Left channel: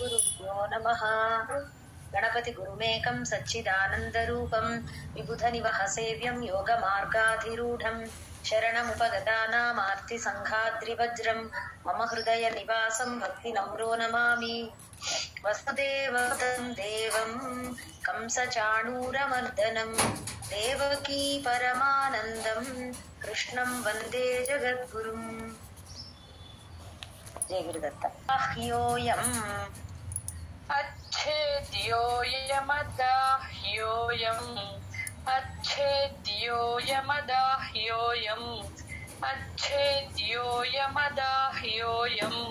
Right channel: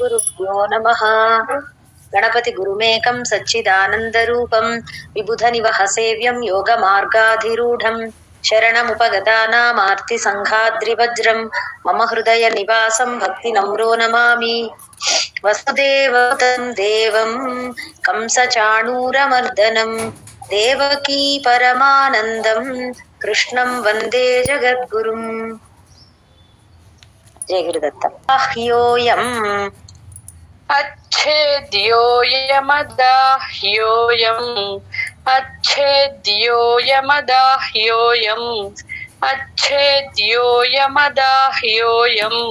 श्रीगुरुभ्यो नमः। गणपति गुरुमेकं सच्चिदानन्दरूपं विबुधनिवहसेव्यं योगमार्गाधिरूढं शरणमुपगतानामार्तिसङ्घाद्रिवज्रं मम हृदयनिवासं भक्तिनम्रो नमामि। वसुदेवतं देवं कंसचाणूरमर्दनं देवकी परमानन्दं कृष्णं वन्दे जगद्गुरुम्। जय गुरुदत्त। ह्योऽयम् अच्छेद्योऽयमदाह्योऽयम् अच्छेद्योऽयमदाह्योऽयम् अच्छेद्योऽयमदाह्योऽयम्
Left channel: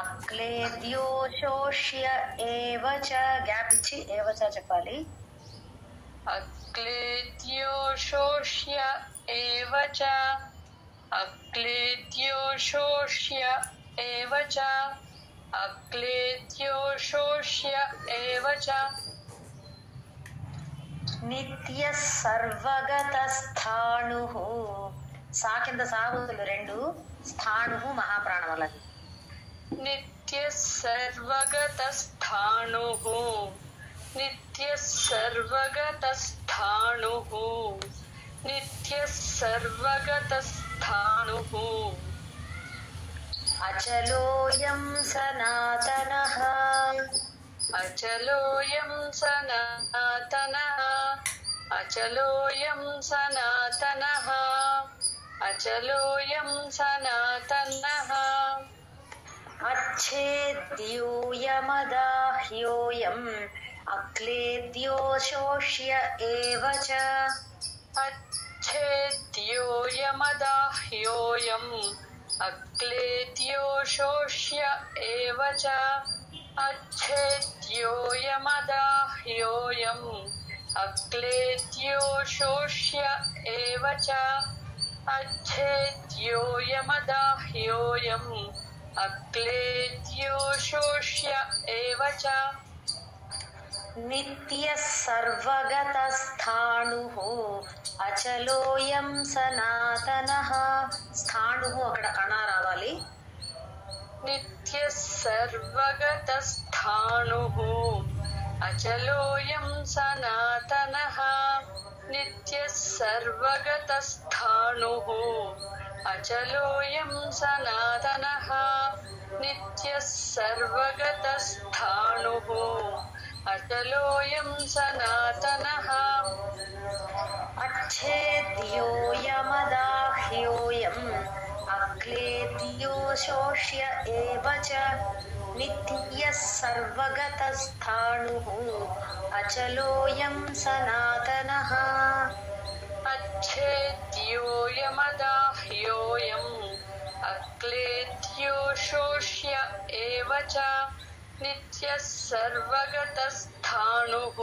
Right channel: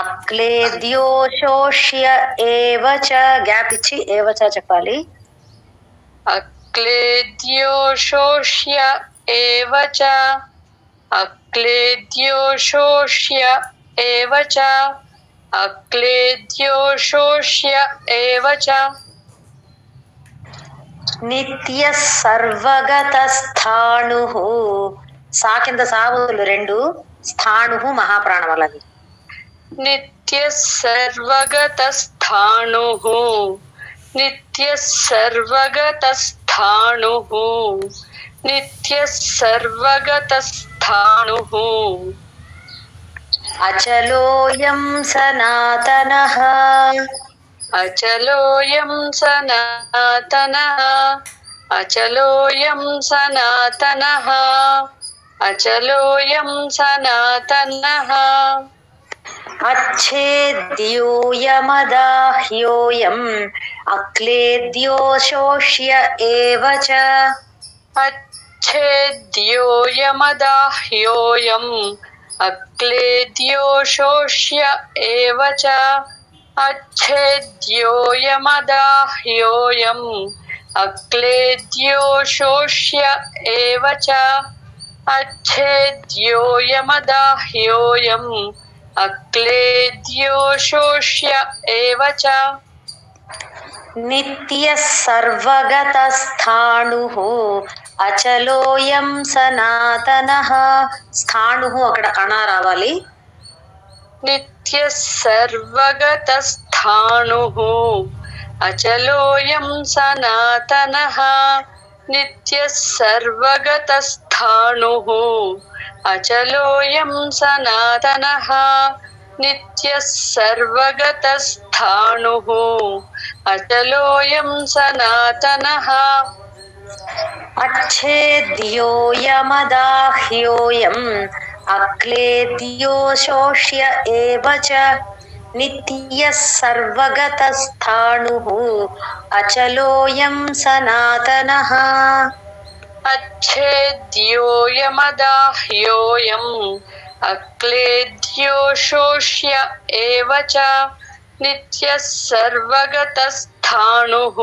అక్లేద్యో శోష్య ఏవ చ గ్యాప్ ఇచ్చి ఏవ చ చెప్పాలి. అక్లేద్యో శోష్య ఏవ చ అక్లేద్యో శోష్య ఏవ చ అక్లేద్యో శోష్య ఏవ చ నిత్య సర్వగత స్థాణు సా కింద సావులు రెండు స్థాణు మహాప్రాణం అలాగే నిత్య సర్వగత స్థాణుః నిత్య సర్వగత స్థాణుః నిత్య సర్వగత స్థాణుః అచలోయం సనాతనః అచలోయం సనాతనః అచలోయం సనాతనః అచలోయం సనాతనః అచ్ఛేద్యోయమదాహ్యోయం అక్లేద్యో శోష్య ఏవ చ अच्छेद्योऽयमदाह्योऽयम् अक्लेद्यो शोष्य एव च अच्छेद्योऽयमदाह्योऽयम् अक्लेद्यो शोष्य एव च अच्छेद्योऽयमदाह्योऽयम् अक्लेद्यो शोष्य एव च నిత్య సర్వగత స్థాణు అచలోయం సనాతనః స్థాణు అక్కడ అణ రావాలి. నిత్య సర్వగత స్థాణుః అచలోయం సనాతనః నిత్య సర్వగత స్థాణుః అచలోయం సనాతనః నిత్య సర్వగత స్థాణుః అచలోయం సనాతనః అచ్ఛేద్యోయమదాహ్యోయం అక్లేద్యో శోష్య ఏవ చ నిత్య సర్వగత స్థాణు అచలోయం సనాతనః अच्छेद्योऽयमदाह्योऽयम् अक्लेद्यो शोष्य एव च नित्यः सर्वगतस्थाणुः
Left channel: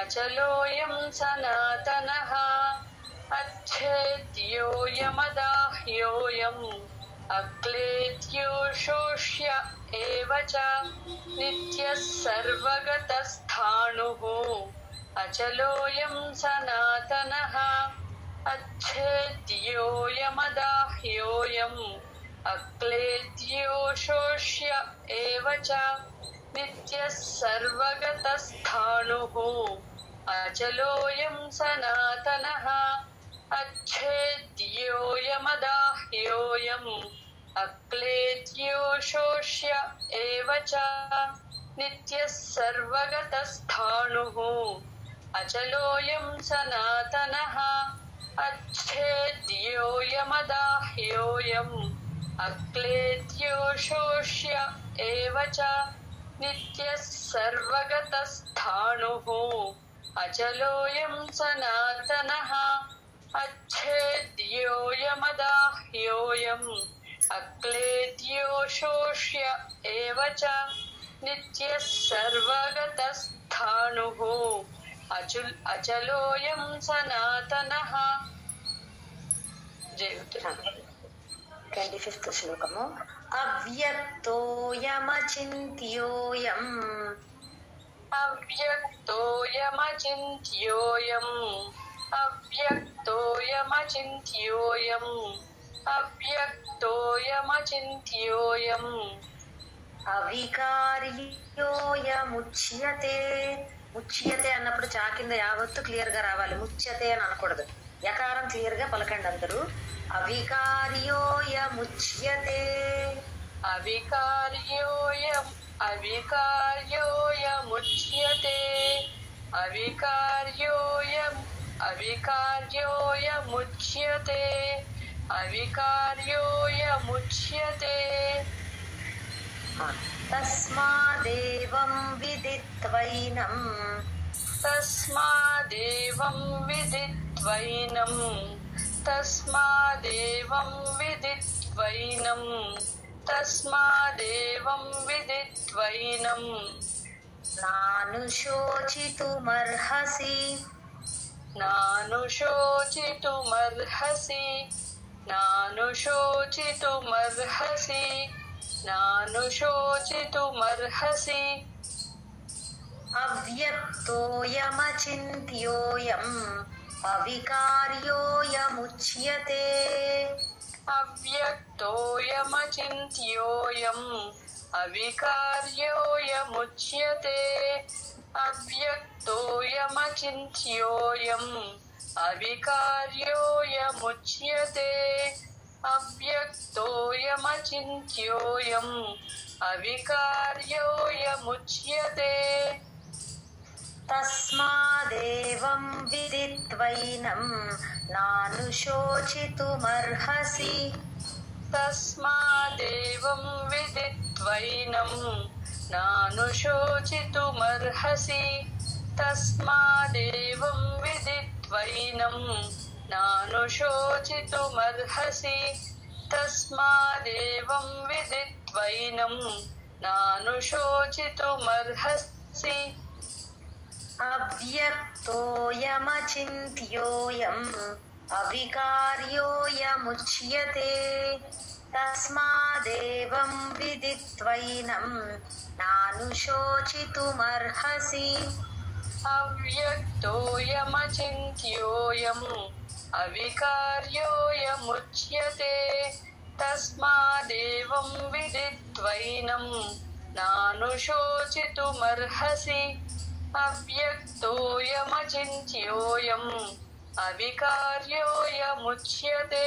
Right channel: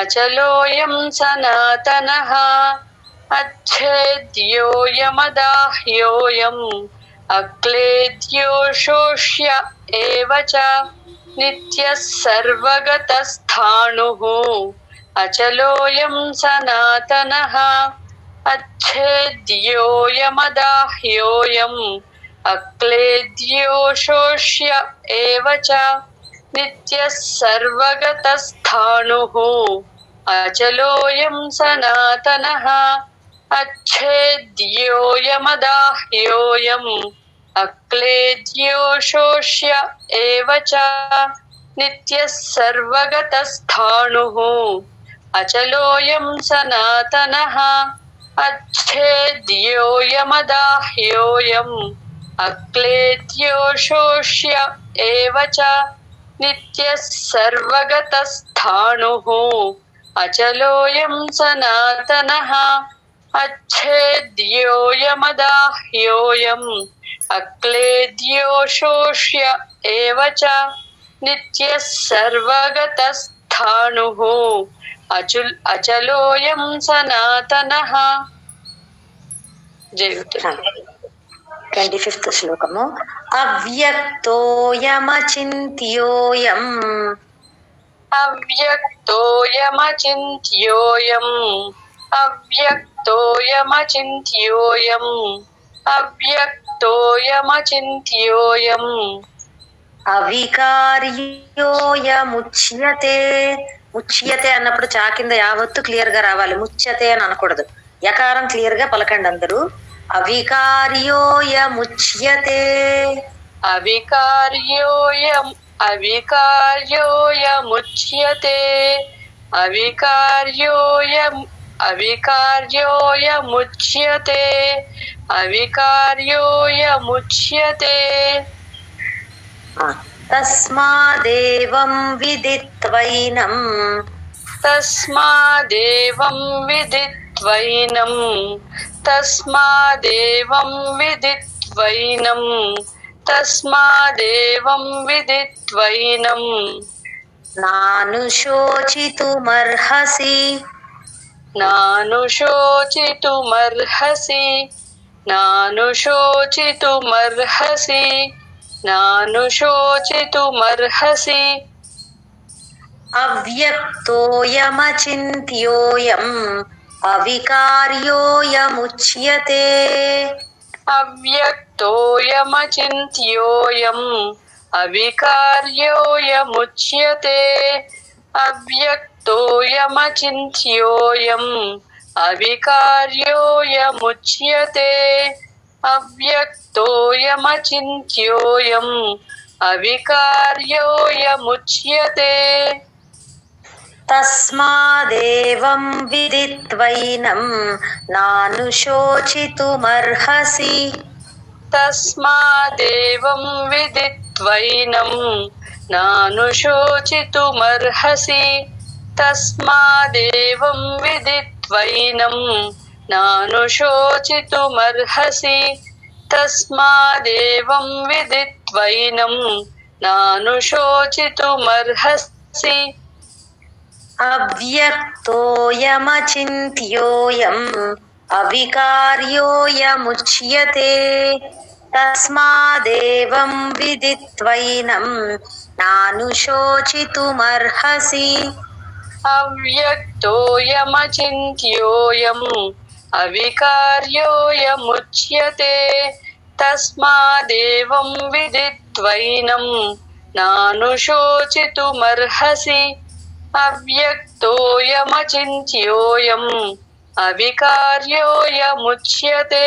अचलोऽयं सनातनः अच्छेद्योऽयमदाह्योऽयम् अक्लेद्यो शोष्य एव च नित्यः सर्वगतस्थाणुः अचलोऽयं सनातनः अच्छेद्योऽयमदाह्योऽयम् अक्लेद्यो शोष्य एव च नित्यः सर्वगतस्थाणुः अचलोऽयं सनातनः अच्छेद्योऽयमदाह्योऽयम् अक्लेद्यो शोष्य एव च नित्यः सर्वगतस्थाणुः अचलोऽयं सनातनः अच्छेद्योऽयमदाह्योऽयम् अक्लेद्यो शोष्य एव च नित्यः सर्वगतस्थाणुः अचलोऽयं सनातनः अच्छेद्योऽयमदाह्योऽयम् अक्लेद्यो शोष्य एव च नित्यः सर्वगतस्थाणुः अचलोऽयं सनातनः. 25th శ్లోకము. అవ్యక్తోయమచింత్యోయం అవ్యక్తోయమచింత్యోయం అవ్యక్తోయమచింత్యోయం అవ్యక్తోయమచింత్యోయం అవికార్యోయముచ్యతే. ముచ్యతే అన్నప్పుడు చా కింద యావత్తు క్లియర్ గా రావాలి, ముచ్యతే అని అనకూడదు. యకారం క్లియర్ గా పలకండి అందరూ. అవికార్యోయముచ్యతే. అవికార్యోయముచ్యతే. అవికార్యోయముచ్యతే. అవికార్యోయముచ్యతే. తస్మాదేవం విదిత్వైనం. తస్మాదేవం విదిత్వైనం. తస్మాదేవం విదిత్వైనం. తస్మాదేవం విదిత్వైనం. నానుశోచితుమర్హసి. నానుశోచితుమర్హసి. నానుశోచితుమర్హసి. నానుశోచితుమర్హసి. అవ్యక్తోయమచింత్యోయం అవికార్యోయముచ్యతే. అవ్యక్తోయమచింత్యోయం అవికార్యోయముచ్యతే. అవ్యక్తోయమచింత్యోయం అవికార్యోయముచ్యతే. అవ్యక్తోయమచింత్యోయం అవికార్యోయముచ్యతే. తస్మాదేవం విదిత్వైనం నానుశోచితుమర్హసి. తస్మాదేవం విదిత్వైనం నానుశోచితుమర్హసి. తస్మాదేవం విదిత్వైనం నానుశోచితుమర్హసి. తస్మాదేవం విదిత్వైనం నానుశోచితుమర్హసి. అవ్యక్తోయమచింత్యోయం అవికార్యోయముచ్యతే. తస్మాదేవం విదిత్వైనం నానుశోచితుమర్హసి. అవ్యక్తోయమచింత్యోయం అవికార్యోయముచ్యతే. తస్మాదేవం విదిత్వైనం నానుశోచితుమర్హసి. అవ్యక్తోయమచింత్యోయం అవికార్యోయముచ్యతే.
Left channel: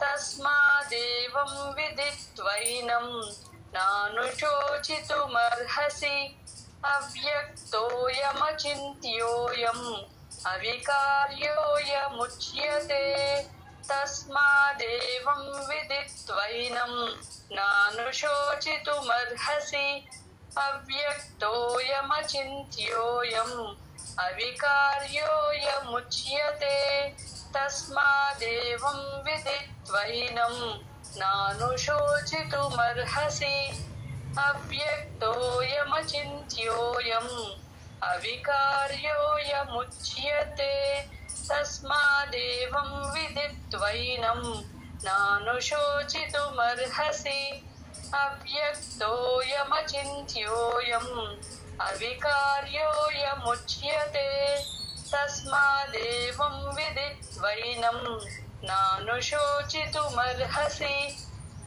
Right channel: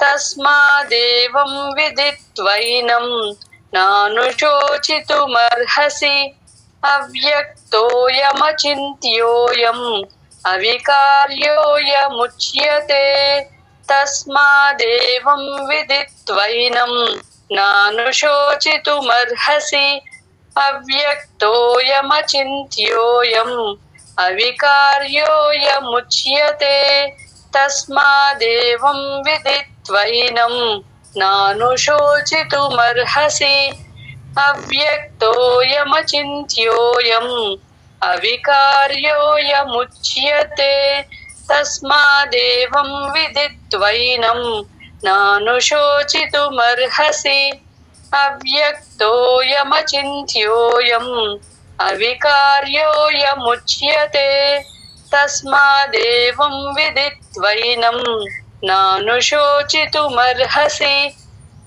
తస్మాదేవం విదిత్వైనం నానుశోచితుమర్హసి. అవ్యక్తోయమచింత్యోయం అవికార్యోయముచ్యతే. తస్మాదేవం విదిత్వైనం నానుశోచితుమర్హసి. అవ్యక్తోయమచింత్యోయం అవికార్యోయముచ్యతే. తస్మాదేవం విదిత్వైనం నానుశోచితుమర్హసి. అవ్యక్తోయమచింత్యోయం అవికార్యోయముచ్యతే. తస్మాదేవం విదిత్వైనం నానుశోచితుమర్హసి. అవ్యక్తోయమచింత్యోయం అవికార్యోయముచ్యతే. తస్మాదేవం విదిత్వైనం నానుశోచితుమర్హసి.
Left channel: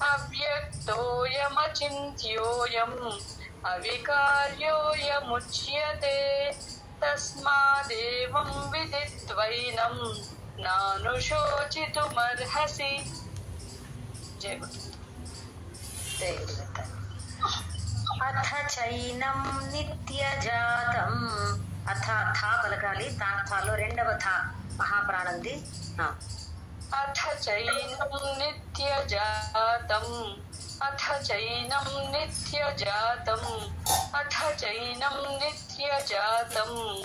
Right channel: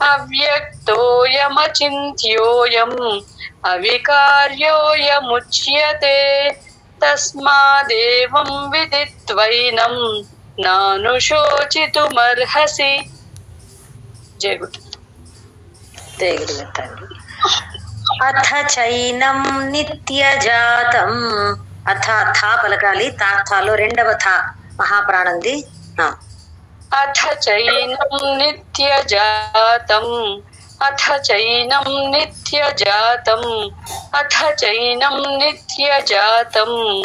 అవ్యక్తోయమచింత్యోయం అవికార్యోయముచ్యతే. తస్మాదేవం విదిత్వైనం నానుశోచితుమర్హసి. జయ గురు. అథ చైనం నిత్యజాతం. అథ థా పలకాలి, తాథాలో రెండవ థా మహాప్రాణంది. అథ చైనం నిత్యజాతం. అథ చైనం నిత్యజాతం. అథ చైనం నిత్యజాతం.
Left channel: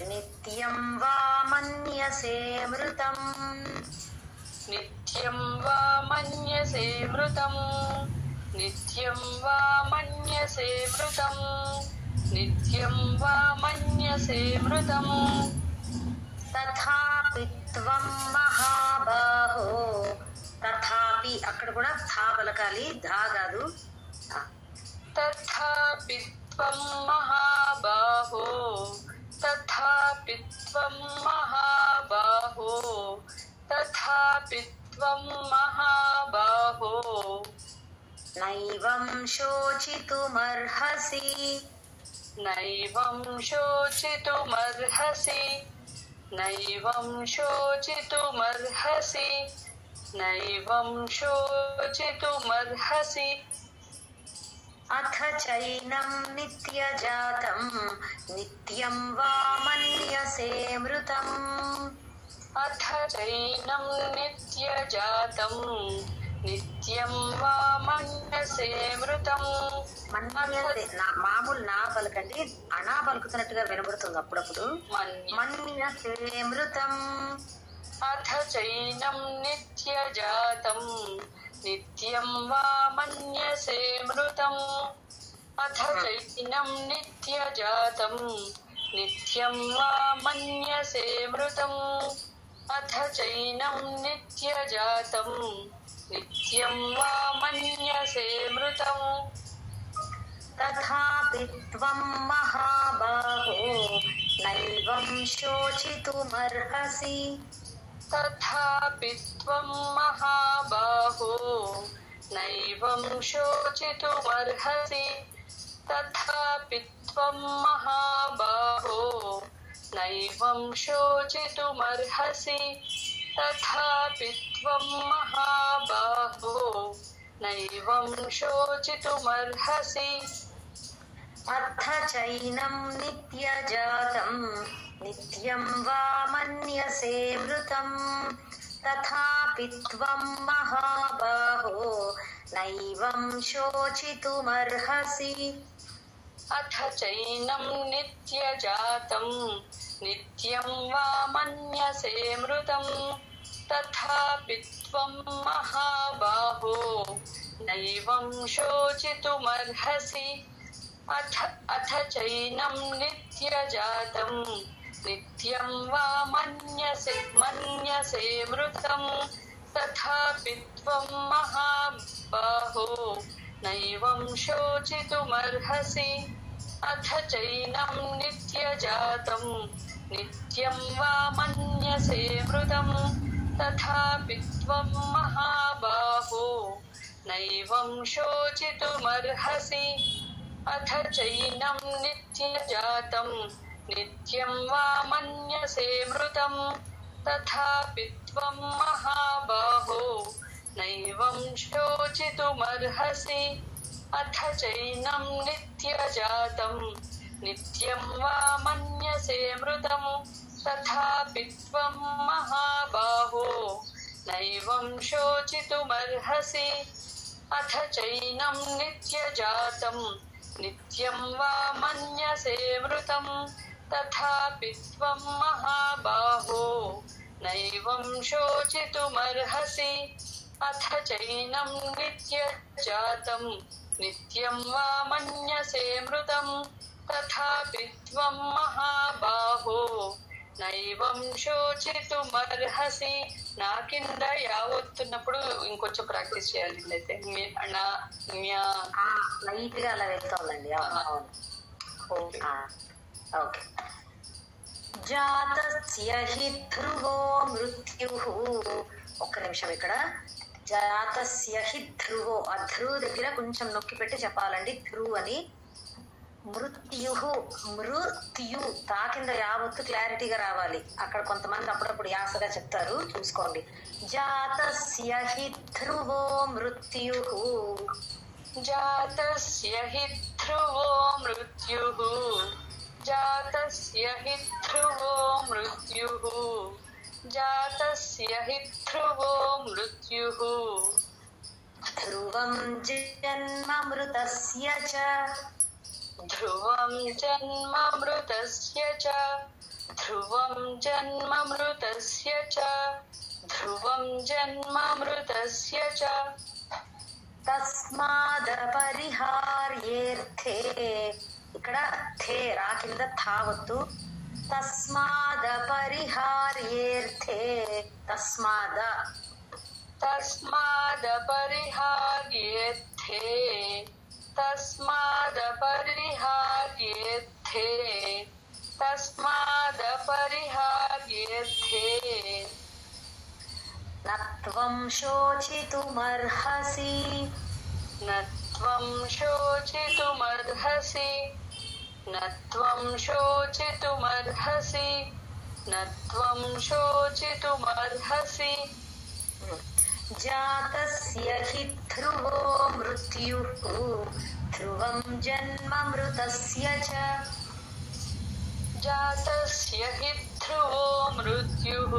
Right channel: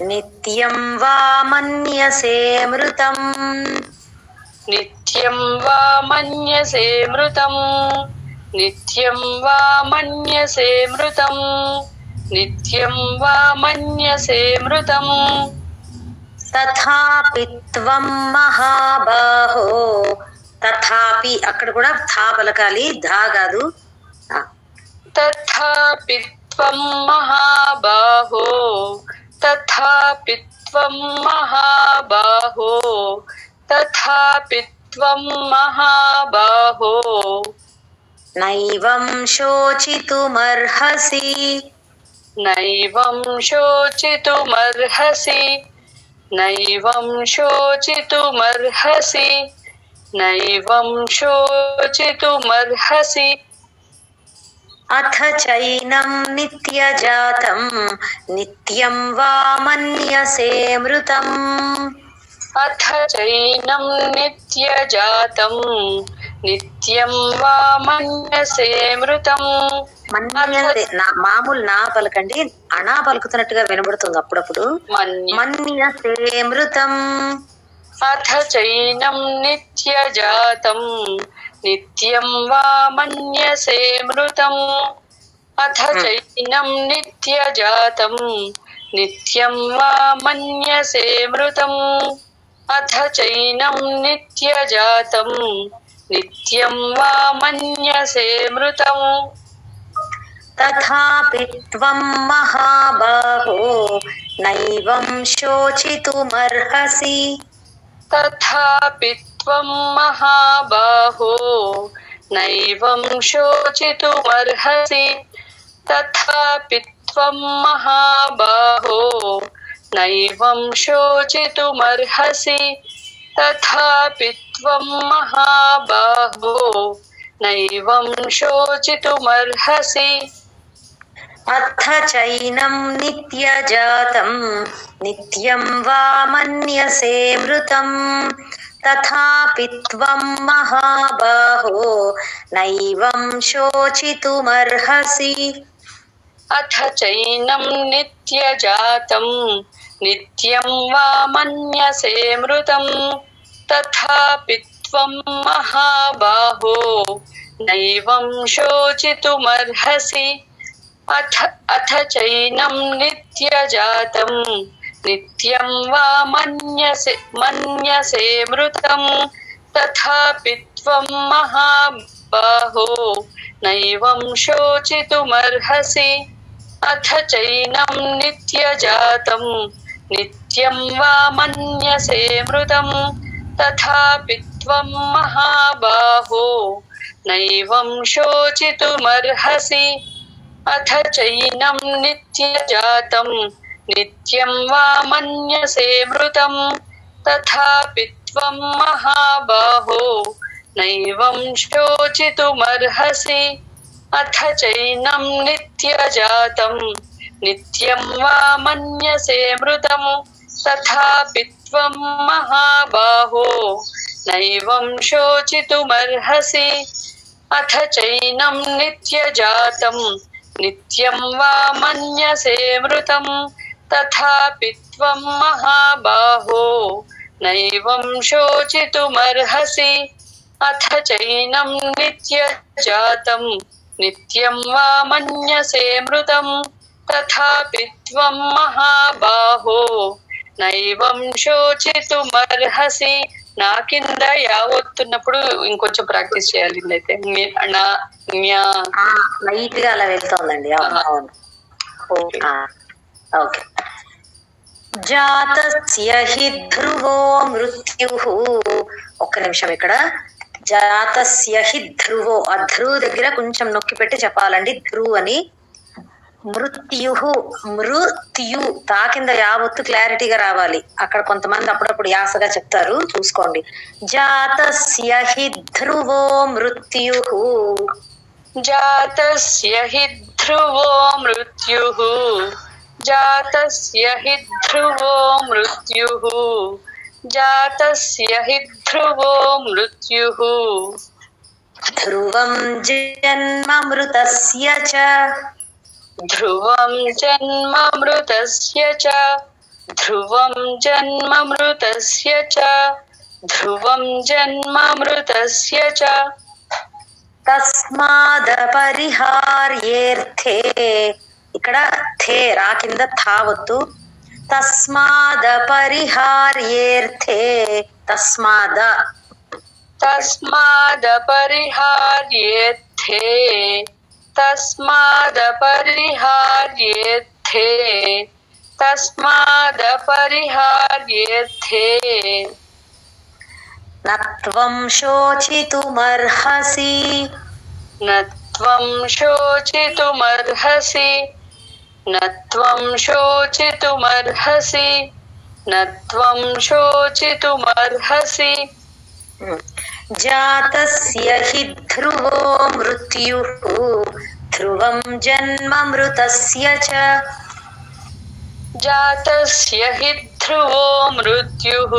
నిత్యం వా మన్యసే మృతం. నిత్యం వా మన్యసే మృతం. నిత్యం వా మన్యసే మృతం. నిత్యం వా మన్యసే మృతం. తథాపి త్వం మహాబాహో. తథాపి అక్కడ కూడా థా పలకాలి, ధా కాదు. తథాపి త్వం మహాబాహో. తథాపి త్వం మహాబాహో. తథాపి త్వం మహాబాహో. నైవం శోచితుమర్హసి నైవం శోచితుమర్హసి నైవం శోచితుమర్హసి నైవం శోచితుమర్హసి అథ చైనం నిత్యజాతం నిత్యం వా మన్యసే మృతం అథ చైనం నిత్యజాతం నిత్యం వా మన్యసే మృతం మన్యసే మామూలు నా పలకండి అనా పలుకుతున్నట్టుగా వినబడుతుంది అప్పుడప్పుడు మన్యసే మృతం అథ చైనం నిత్యజాతం నిత్యం వా మన్యసే మృతం అథ చైనం నిత్యజాతం నిత్యం వా మన్యసే మృతం అథ చైనం నిత్యజాతం నిత్యం వా మన్యసే మృతం తథాపి త్వం మహాబాహో నైవం శోచితుమర్హసి తథాపి త్వం మహాబాహో నైవం శోచితుమర్హసి తథాపి త్వం మహాబాహో నైవం శోచితుమర్హసి తథాపి త్వం మహాబాహో నైవం శోచితుమర్హసి అథ చైనం నిత్యజాతం నిత్యం వా మన్యసే మృతం తథాపి త్వం మహాబాహో నైవం శోచితుమర్హసి అథ చైనం నిత్యజాతం నిత్యం వా మన్యసే మృతం తథాపి త్వం మహాబాహో నైవం శోచితుమర్హసి అథ చైనం నిత్యజాతం నిత్యం వా మన్యసే మృతం తథాపి త్వం మహాబాహో నైవం శోచితుమర్హసి అథ చైనం నిత్యజాతం నిత్యం వా మన్యసే మృతం తథాపి త్వం మహాబాహో నైవం శోచితుమర్హసి అథ చైనం నిత్యజాతం నిత్యం వా మన్యసే మృతం తథాపి త్వం మహాబాహో నైవం శోచితుమర్హసి అథ చైనం నిత్యజాతం నిత్యం వా మన్యసే మృతం తథాపి త్వం మహాబాహో నైవం శోచితుమర్హసి అథ చైనం నిత్యజాతం నిత్యం వా మన్యసే మృతం తథాపి త్వం మహాబాహో నైవం శోచితుమర్హసి అథ చైనం నిత్యజాతం నిత్యం వా మన్యసే మృతం తథాపి త్వం మహాబాహో నైవం శోచితుమర్హసి నా కింద యావత్తున్నప్పుడు ఇంకొంచెం ప్రాక్టీస్ చేయాలి అయితే లైట్ గా అలా వెళ్తోందండి. అవును. ఓకే. జాతస్య హి ధ్రువో మృత్యుః. ఒక్క నిమిషం ఇక్కడ జాతస్య హి ధ్రువో, ఆ ధ్రువు దగ్గర కొంచెం నొక్కి పెట్టి చెప్పాలండి. ధ్రువు అని మృత్యు తా కింద యావత్తు క్లారిటీగా రావాలి. అక్కడ కొంతమంది అప్పుడప్పుడు యాసగా చెప్తారు, చూసుకోండి. జాతస్య హి ధ్రువో మృత్యుః. జాతస్య హి ధ్రువో మృత్యుః. జాతస్య హి ధ్రువో మృత్యుః. జాతస్య హి ధ్రువో మృత్యుః. ధ్రువం జన్మ మృతస్య చ. ధ్రువం జన్మ మృతస్య చ. ధ్రువం జన్మ మృతస్య చ. ధ్రువం జన్మ మృతస్య చ. తస్మాదపరిహార్యేర్థే, ఇక్కడ థే రా కింద థావత్తు. తస్మాదపరిహార్యేర్థే, తస్మాదపరిహార్యేర్థే. తస్మాదపరిహార్యేర్థే. తస్మాదపరిహార్యేర్థే. నత్వం శోచితుమర్హసి. न त्वं शोचितुमर्हसि न त्वं शोचितुमर्हसि न त्वं शोचितुमर्हसि जातस्य हि ध्रुवो मृत्युः ध्रुवं जन्म मृतस्य च जातस्य हि ध्रुवो मृत्युः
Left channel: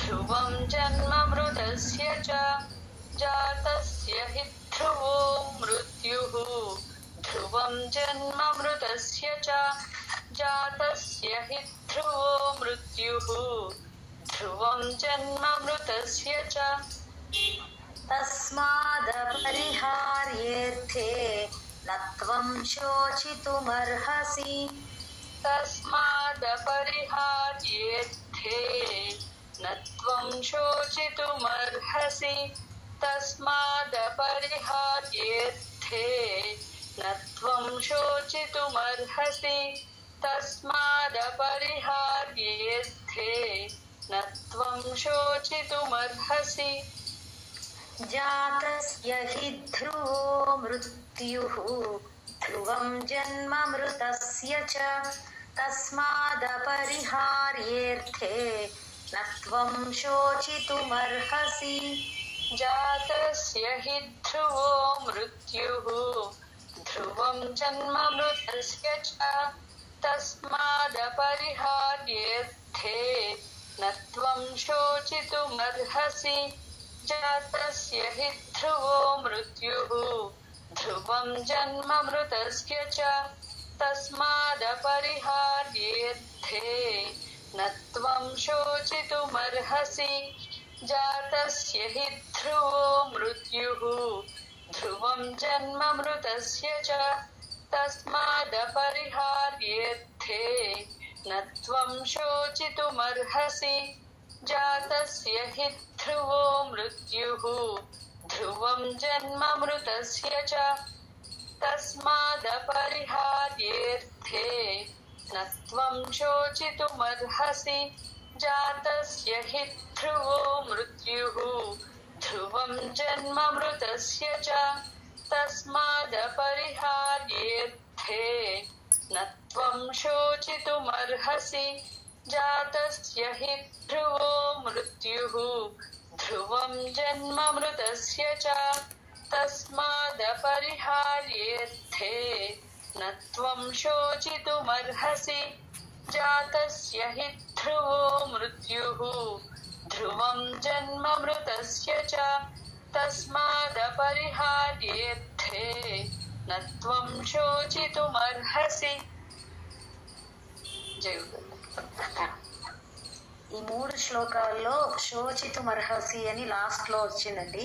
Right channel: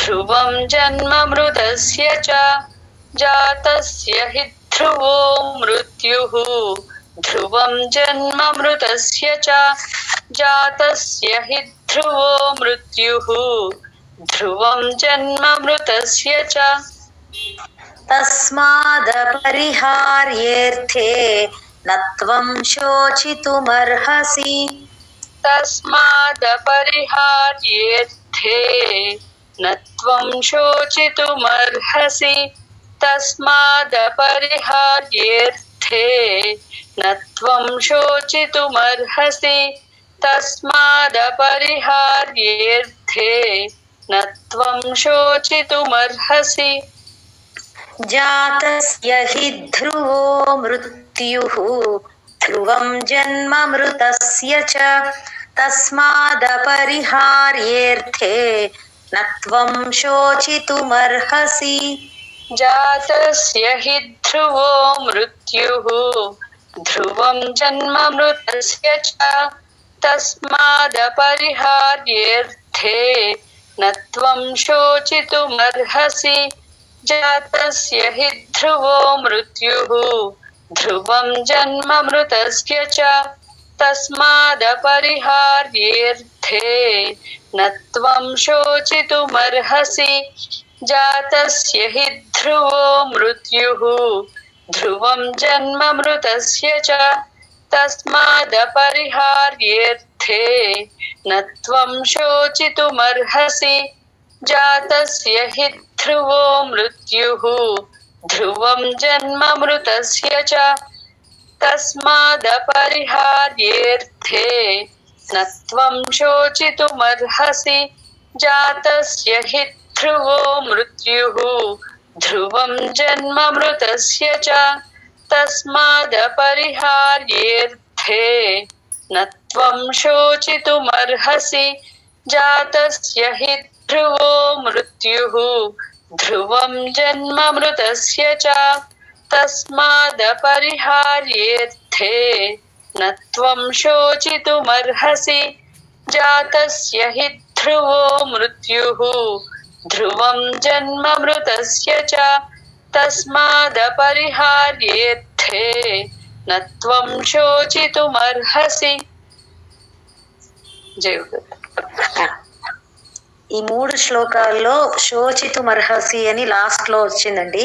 ध्रुवं जन्म मृतस्य च जातस्य हि ध्रुवो मृत्युः ध्रुवं जन्म मृतस्य च जातस्य हि ध्रुवो मृत्युः ध्रुवं जन्म मृतस्य च तस्मादपरिहार्येऽर्थे न त्वं शोचितुमर्हसि तस्मादपरिहार्येऽर्थे न त्वं शोचितुमर्हसि तस्मादपरिहार्येऽर्थे न त्वं शोचितुमर्हसि तस्मादपरिहार्येऽर्थे न त्वं शोचितुमर्हसि जातस्य हि ध्रुवो मृत्युः ध्रुवं जन्म मृतस्य च तस्मादपरिहार्येऽर्थे न त्वं शोचितुमर्हसि जातस्य हि ध्रुवो मृत्युः ध्रुवं जन्म मृतस्य च तस्मादपरिहार्येऽर्थे न त्वं शोचितुमर्हसि जातस्य हि ध्रुवो मृत्युः ध्रुवं जन्म मृतस्य च तस्मादपरिहार्येऽर्थे न त्वं शोचितुमर्हसि जातस्य हि ध्रुवो मृत्युः ध्रुवं जन्म मृतस्य च तस्मादपरिहार्येऽर्थे न त्वं शोचितुमर्हसि जातस्य हि ध्रुवो मृत्युः ध्रुवं जन्म मृतस्य च तस्मादपरिहार्येऽर्थे न त्वं शोचितुमर्हसि जातस्य हि ध्रुवो मृत्युः ध्रुवं जन्म मृतस्य च तस्मादपरिहार्येऽर्थे न त्वं शोचितुमर्हसि जातस्य हि ध्रुवो मृत्युः ध्रुवं जन्म मृतस्य च तस्मादपरिहार्येऽर्थे न त्वं शोचितुमर्हसि जातस्य हि ध्रुवो मृत्युः ध्रुवं जन्म मृतस्य च तस्मादपरिहार्येऽर्थे न त्वं शोचितुमर्हसि ఈ 3 శ్లోకాల్లో శోచితుమర్హసి అని లాస్ట్ లో వచ్చిందండి.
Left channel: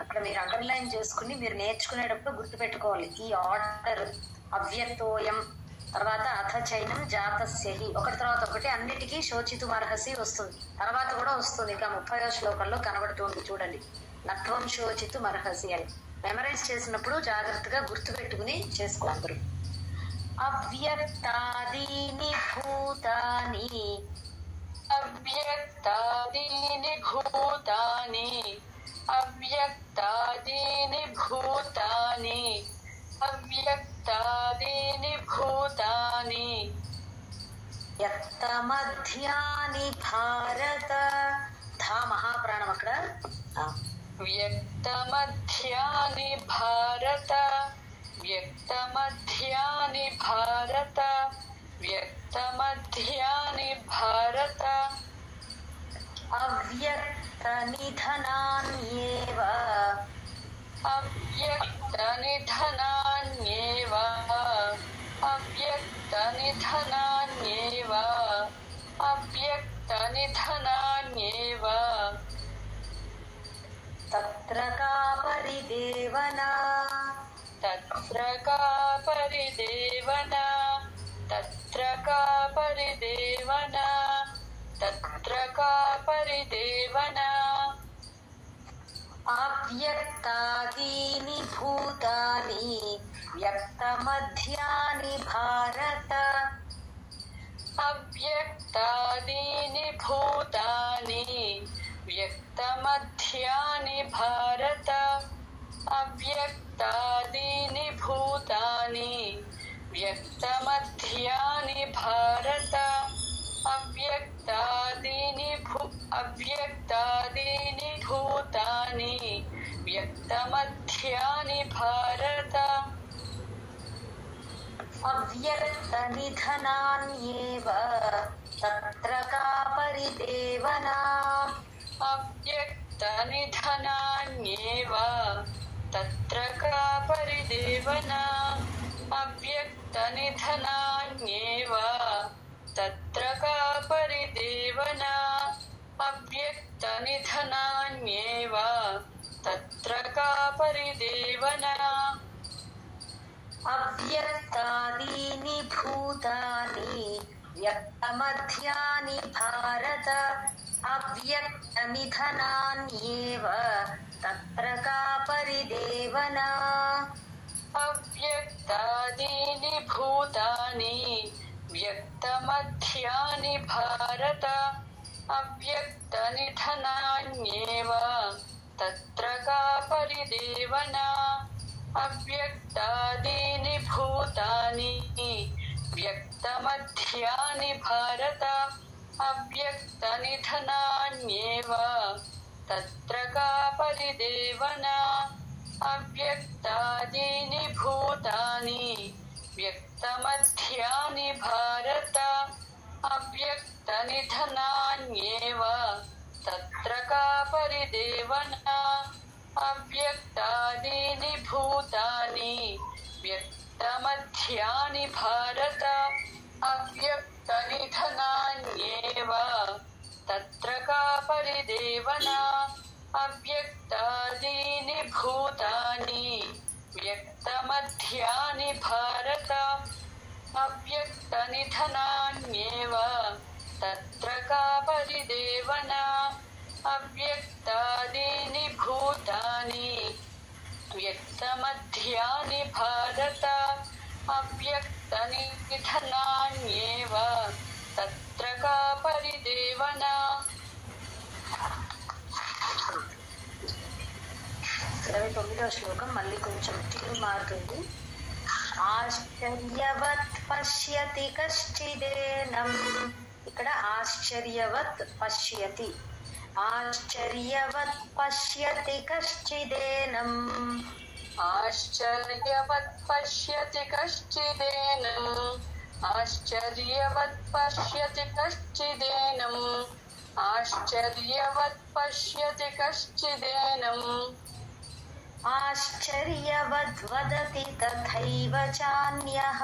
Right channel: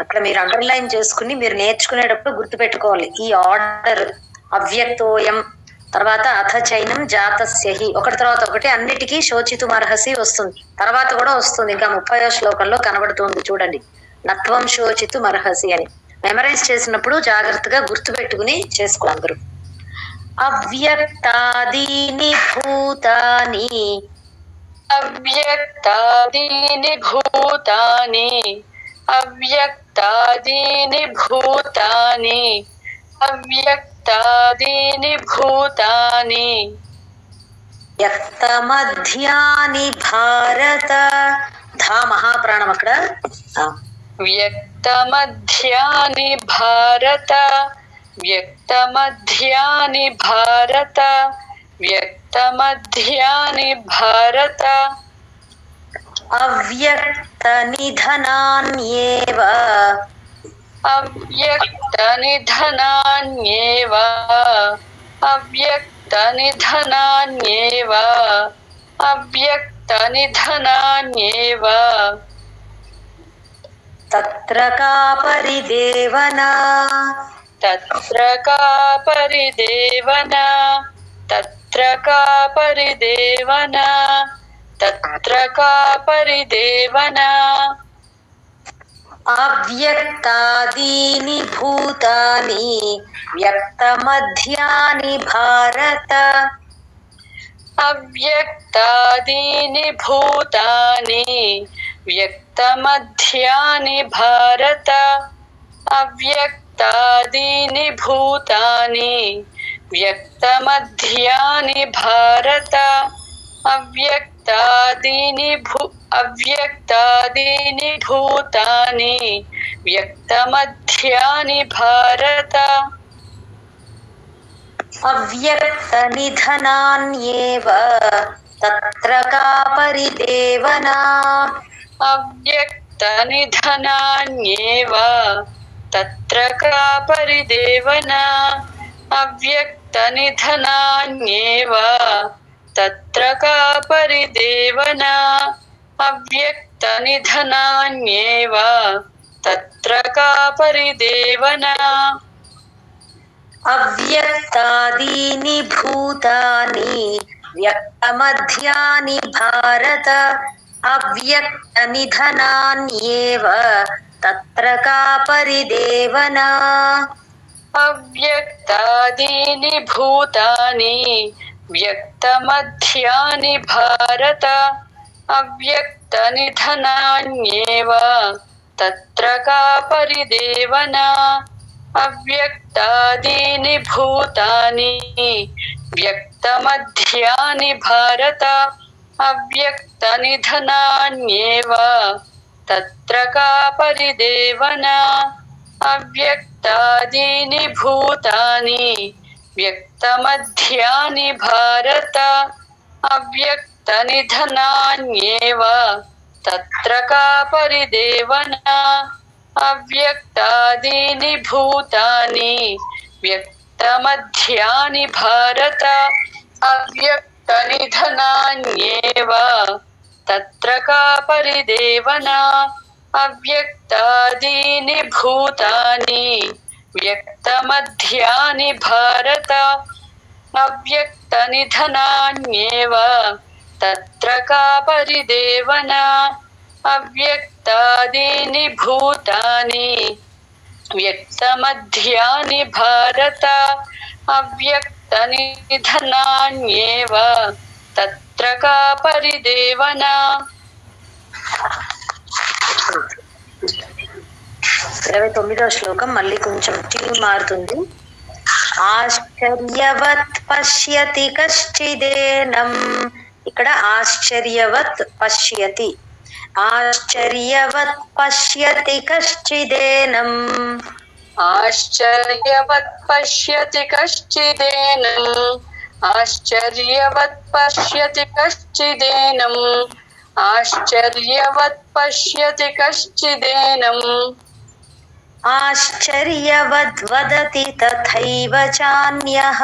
అక్కడ మీరు అండర్లైన్ చేసుకుని మీరు నేర్చుకునేటప్పుడు గుర్తుపెట్టుకోవాలి. ఈ ఆర్డర్ అవ్యక్తోయం తర్వాత అథ చైనం జాతస్యహి ఒకటి తర్వాత ఒకటి అన్నిటికీ శోచితుమర్హసి వస్తుంది. తర్వాత కూడా వస్తుంది, ఇంకా 30వ శ్లోకంలో కనబడుతుంది చూడండి, నత్వం శోచితుమర్హసి అని. మెమరైజ్ చేసినప్పుడు జాగ్రత్తగా గుర్తుపెట్టుకుని చేసుకో అందరూ. అవ్యక్తాదీని భూతాని अव्यक्तादीनि भूतानि अव्यक्तादीनि भूतानि अव्यक्तादीनि भूतानि వ్యక్తమధ్యాని భారత ధా మహాప్రాణం అక్కడ व्यक्तमध्यानि भारत व्यक्तमध्यानि भारत व्यक्तमध्यानि भारत అవ్యక్త నిధనాన్యేవ अव्यक्तनिधनान्येव अव्यक्तनिधनान्येव अव्यक्तनिधनान्येव తత్ర కా పరిదేవనా तत्र का परिदेवना तत्र का परिदेवना तत्र का परिदेवना అవ్యక్తాదీని భూతాని వ్యక్తమధ్యాని భారత अव्यक्तादीनि भूतानि व्यक्तमध्यानि भारत अव्यक्तादीनि अव्यक्तादीनि भूतानि व्यक्तमध्यानि भारत अव्यक्तादीनि भूतानि व्यक्तमध्यानि भारत अव्यक्तनिधनान्येव तत्र का परिदेवना अव्यक्तनिधनान्येव तत्र का परिदेवना अव्यक्तनिधनान्येव तत्र का परिदेवना अव्यक्तनिधनान्येव तत्र का परिदेवना अव्यक्तादीनि भूतानि व्यक्तमध्यानि भारत अव्यक्तनिधनान्येव तत्र का परिदेवना अव्यक्तादीनि भूतानि व्यक्तमध्यानि भारत अव्यक्तनिधनान्येव तत्र का परिदेवना अव्यक्तादीनि भूतानि व्यक्तमध्यानि भारत अव्यक्तनिधनान्येव तत्र का परिदेवना अव्यक्तादीनि भूतानि व्यक्तमध्यानि भारत अव्यक्तनिधनान्येव तत्र का परिदेवना अव्यक्तादीनि भूतानि व्यक्तमध्यानि भारत अव्यक्तनिधनान्येव तत्र का परिदेवना अव्यक्तादीनि भूतानि व्यक्तमध्यानि भारत अव्यक्तनिधनान्येव तत्र का परिदेवना अव्यक्तादीनि भूतानि व्यक्तमध्यानि भारत अव्यक्तनिधनान्येव तत्र का परिदेवना 29వ శ్లోకం మళ్ళీ కొంచెం ట్యూన్ మారుతుంది. ఆశ్చర్యవత్ పశ్యతి కశ్చిదేనం. ఇక్కడ ఆశ్చర్యవత్ పశ్యతి, ఆశ్చర్యవత్ పశ్యతి కశ్చిదేనం. आश्चर्यवत् पश्यति कश्चिदेनम् आश्चर्यवत् पश्यति कश्चिदेनम् आश्चर्यवत् पश्यति कश्चिदेनम् ఆశ్చర్యవద్ వదతి తథైవ చాన్యః.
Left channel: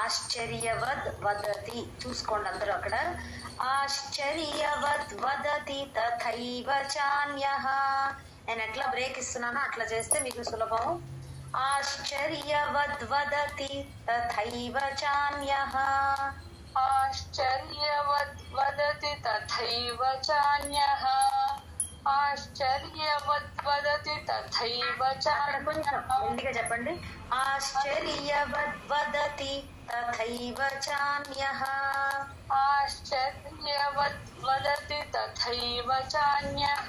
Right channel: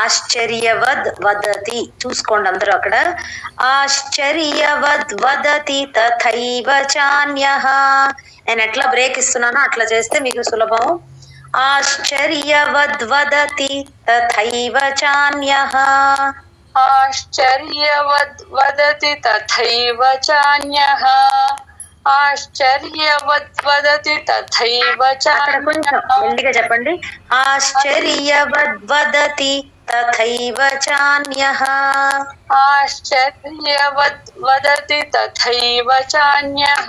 ఆశ్చర్యవద్ వదతి, చూసుకోండి అందరూ అక్కడ. ఆశ్చర్యవద్ వదతి తథైవ చాన్యః. నేను ఎట్లా బ్రేక్ ఇస్తున్నానో అట్లా చేస్తే మీకు సులభం. ఆశ్చర్యవద్ వదతి తథైవ చాన్యః. आश्चर्यवत् वदति तथैव चान्यः आश्चर्यवत् वदति तथैव కొంచెం మెల్లిగా చెప్పండి. ఆశ్చర్యవద్ వదతి తథైవ చాన్యః. आश्चर्यवत् वदति तथैव चान्यः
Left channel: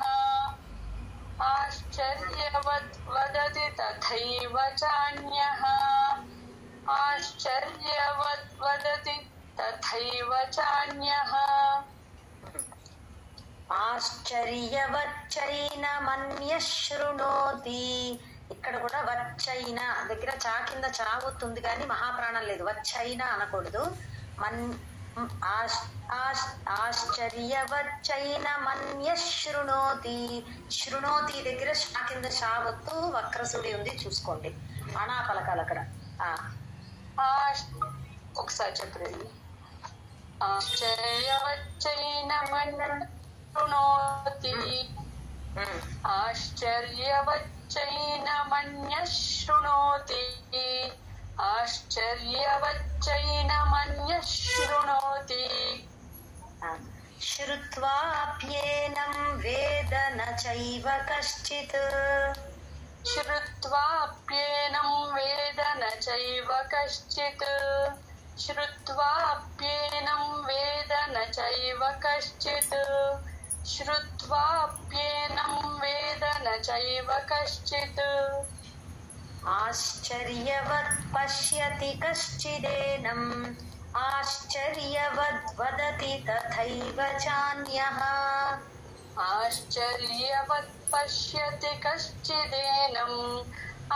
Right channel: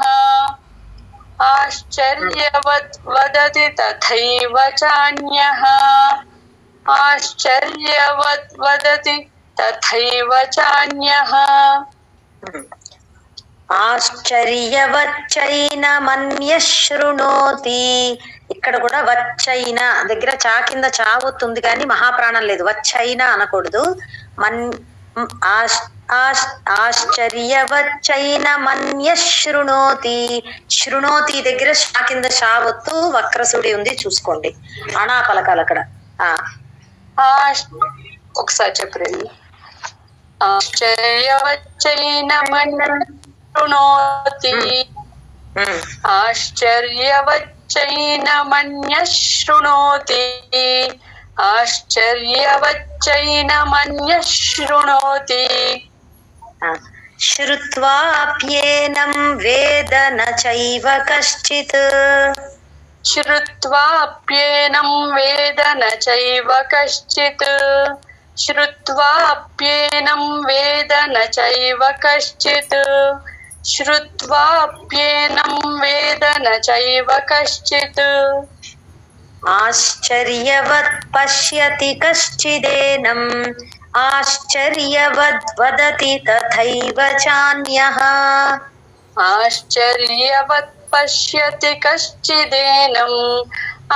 आश्चर्यवत् वदति तथैव चान्यः आश्चर्यवत् वदति तथैव चान्यः. ఆశ్చర్యవచ్చైనమన్యః శృణోతి. ఇక్కడ కూడా వచ్చైన దగ్గర చా కింద చా వస్తుంది కానీ మహాప్రాణం లేదు. వచ్చైన అనకూడదు. ఆశ్చర్యవచ్చైనమన్యః శృణోతి. శృణోతి దగ్గర షా కింద షా వత్తు వక్రసుడి ఉంది, చూసుకోండి. అనా పలకాలు అక్కడ. ఒకసారి చెప్పండి. ఆశ్చర్యవచ్చైనమన్యః శృణోతి ఆశ్చర్యవచ్చైనమన్యః శృణోతి ఆశ్చర్యవచ్చైనమన్యః శృణోతి. శ్రుత్వాప్యేనం వేద న చైవ కశ్చిత్. श्रुत्वाप्येनं वेद न चैव कश्चित् श्रुत्वाप्येनं वेद न चैव कश्चित् श्रुत्वाप्येनं वेद न चैव कश्चित्. ఆశ్చర్యవత్ పశ్యతి కశ్చిదేనం ఆశ్చర్యవద్ వదతి తథైవ చాన్యః ఆశ్చర్యవత్ పశ్యతి కశ్చిదేనం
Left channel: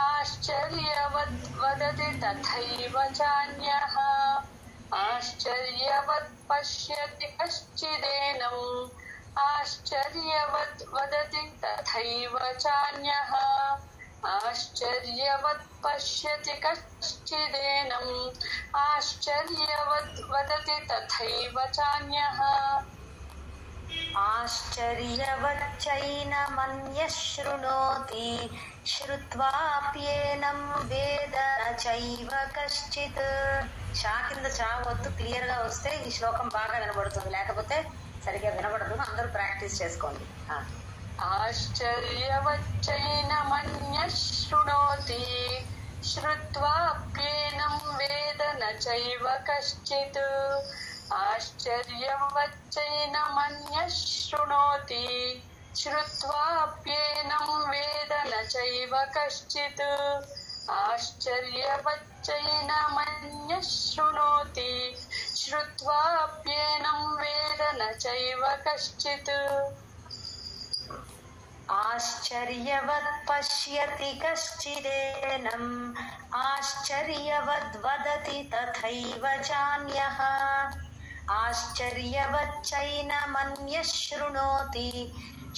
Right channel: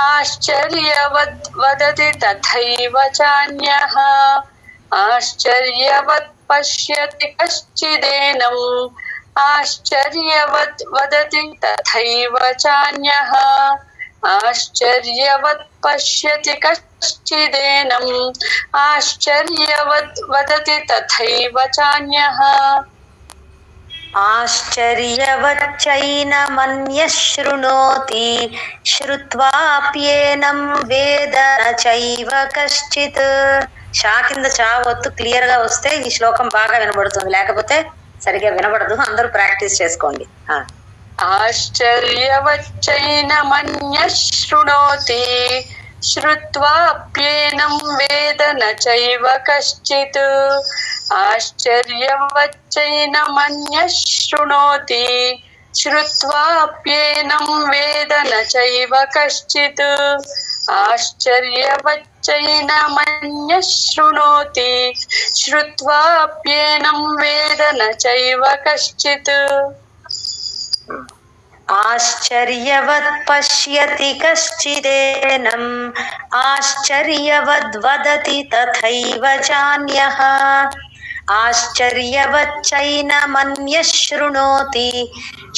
ఆశ్చర్యవద్ వదతి తథైవ చాన్యః ఆశ్చర్యవత్ పశ్యతి కశ్చిదేనం ఆశ్చర్యవద్ వదతి తథైవ చాన్యః ఆశ్చర్యవత్ పశ్యతి కశ్చిదేనం ఆశ్చర్యవద్ వదతి తథైవ చాన్యః ఆశ్చర్యవచ్చైనమన్యః శృణోతి శ్రుత్వాప్యేనం వేద న చైవ కశ్చిత్. షా కింద చా ఒత్తు క్లియర్ గా వస్తే ఈ శ్లోకం బాగా వినబడుతుంది, లేకపోతే సరిగా వినబడదు. అందరూ ప్రాక్టీస్ చేసుకోండి. ఆశ్చర్యవచ్చైనమన్యః శృణోతి శ్రుత్వాప్యేనం వేద న చైవ కశ్చిత్. ఆశ్చర్యవచ్చైనమన్యః శృణోతి శ్రుత్వాప్యేనం వేద న చైవ కశ్చిత్. ఆశ్చర్యవచ్చైనమన్యః శృణోతి శ్రుత్వాప్యేనం వేద న చైవ కశ్చిత్. ఆశ్చర్యవత్ పశ్యతి కశ్చిదేనం ఆశ్చర్యవద్ వదతి తథైవ చాన్యః ఆశ్చర్యవచ్చైనమన్యః శృణోతి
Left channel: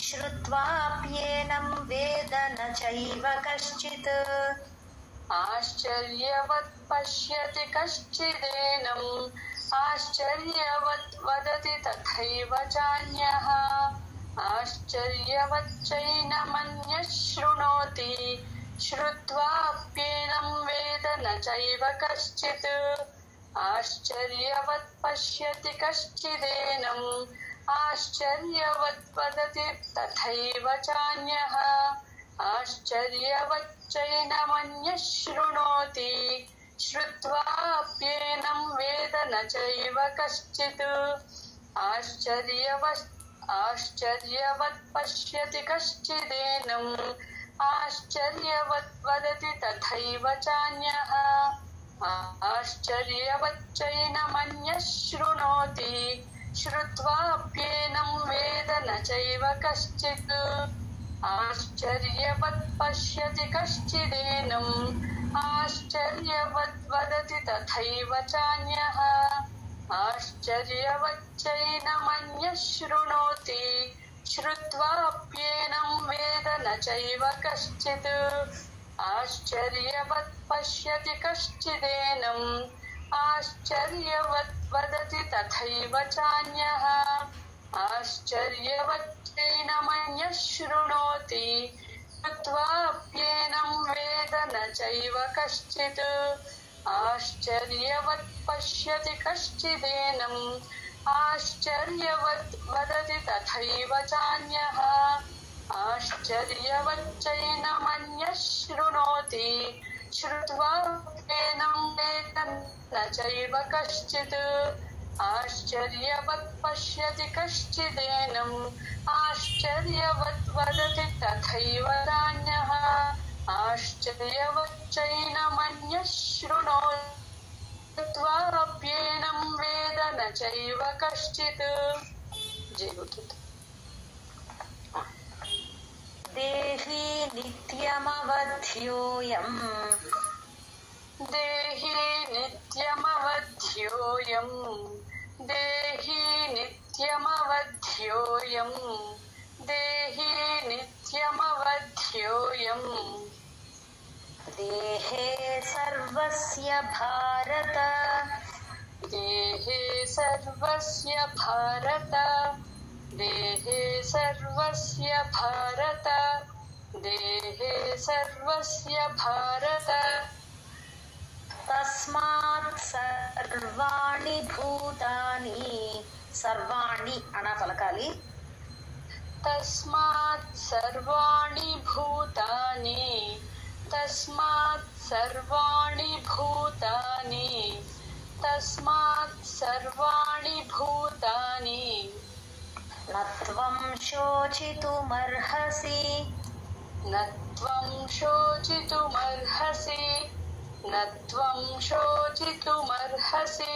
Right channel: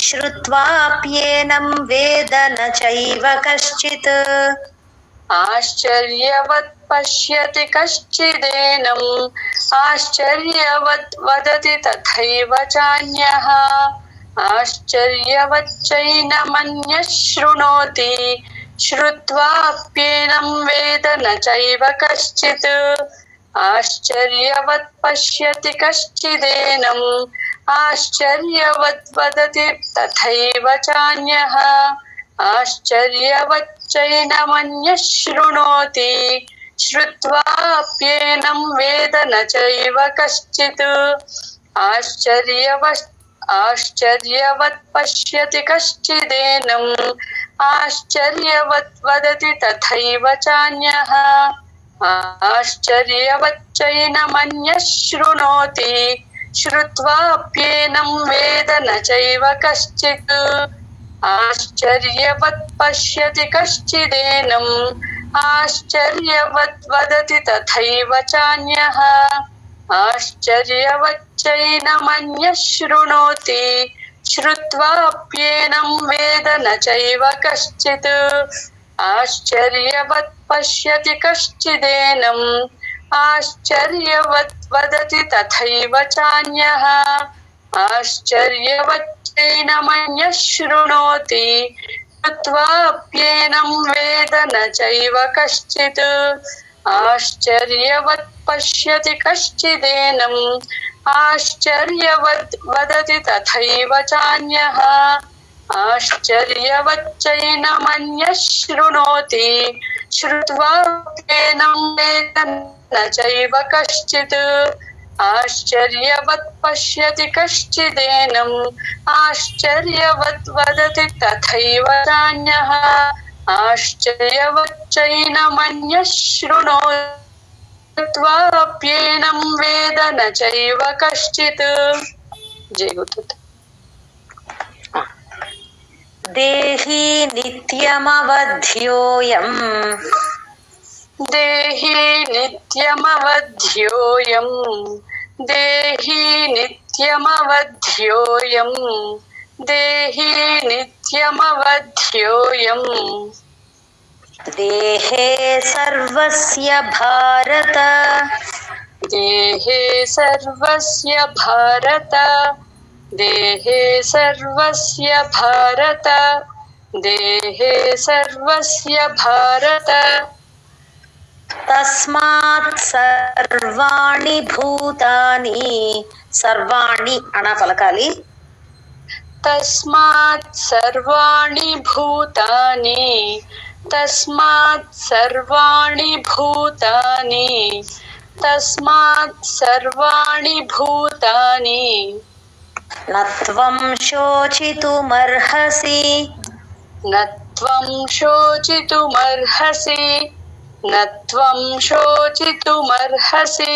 శ్రుత్వాప్యేనం వేద న చైవ కశ్చిత్. ఆశ్చర్యవత్ పశ్యతి కశ్చిదేనం ఆశ్చర్యవద్ వదతి తథైవ చాన్యః ఆశ్చర్యవచ్చైనమన్యః శృణోతి శ్రుత్వాప్యేనం వేద న చైవ కశ్చిత్. ఆశ్చర్యవత్ పశ్యతి కశ్చిదేనం ఆశ్చర్యవద్ వదతి తథైవ చాన్యః ఆశ్చర్యవచ్చైనమన్యః శృణోతి శ్రుత్వాప్యేనం వేద న చైవ కశ్చిత్. ఆశ్చర్యవత్ పశ్యతి కశ్చిదేనం ఆశ్చర్యవద్ వదతి తథైవ చాన్యః ఆశ్చర్యవచ్చైనమన్యః శృణోతి శ్రుత్వాప్యేనం వేద న చైవ కశ్చిత్. ఆశ్చర్యవత్ పశ్యతి కశ్చిదేనం ఆశ్చర్యవద్ వదతి తథైవ చాన్యః ఆశ్చర్యవచ్చైనమన్యః శృణోతి శ్రుత్వాప్యేనం వేద న చైవ కశ్చిత్. ఆశ్చర్యవత్ పశ్యతి కశ్చిదేనం ఆశ్చర్యవద్ వదతి తథైవ చాన్యః ఆశ్చర్యవచ్చైనమన్యః శృణోతి శ్రుత్వాప్యేనం వేద న చైవ కశ్చిత్. ఆశ్చర్యవత్ పశ్యతి కశ్చిదేనం ఆశ్చర్యవద్ వదతి తథైవ చాన్యః ఆశ్చర్యవచ్చైనమన్యః శృణోతి శ్రుత్వాప్యేనం వేద న చైవ కశ్చిత్. ఆశ్చర్యవత్ పశ్యతి కశ్చిదేనం ఆశ్చర్యవద్ వదతి తథైవ చాన్యః ఆశ్చర్యవచ్చైనమన్యః శృణోత్వాప్యేనం వేద న చైవ కశ్చిత్. జై గురుదత్త. దేహి నిత్యమవధ్యోయం దేహి నిత్యమవధ్యోయం దేహి నిత్యమవధ్యోయం దేహి నిత్యమవధ్యోయం. దేహే సర్వస్య భారత దేహే సర్వస్య భారత దేహే సర్వస్య భారత దేహే సర్వస్య భారత. తస్మాత్ సర్వాణి భూతాని సర్వాణి అనా పలకాలి. తస్మాత్ సర్వాణి భూతాని తస్మాత్ సర్వాణి భూతాని తస్మాత్ సర్వాణి భూతాని. నత్వం శోచితుమర్హసి त्वं शोचितुमर्हसि न त्वं शोचितुमर्हसि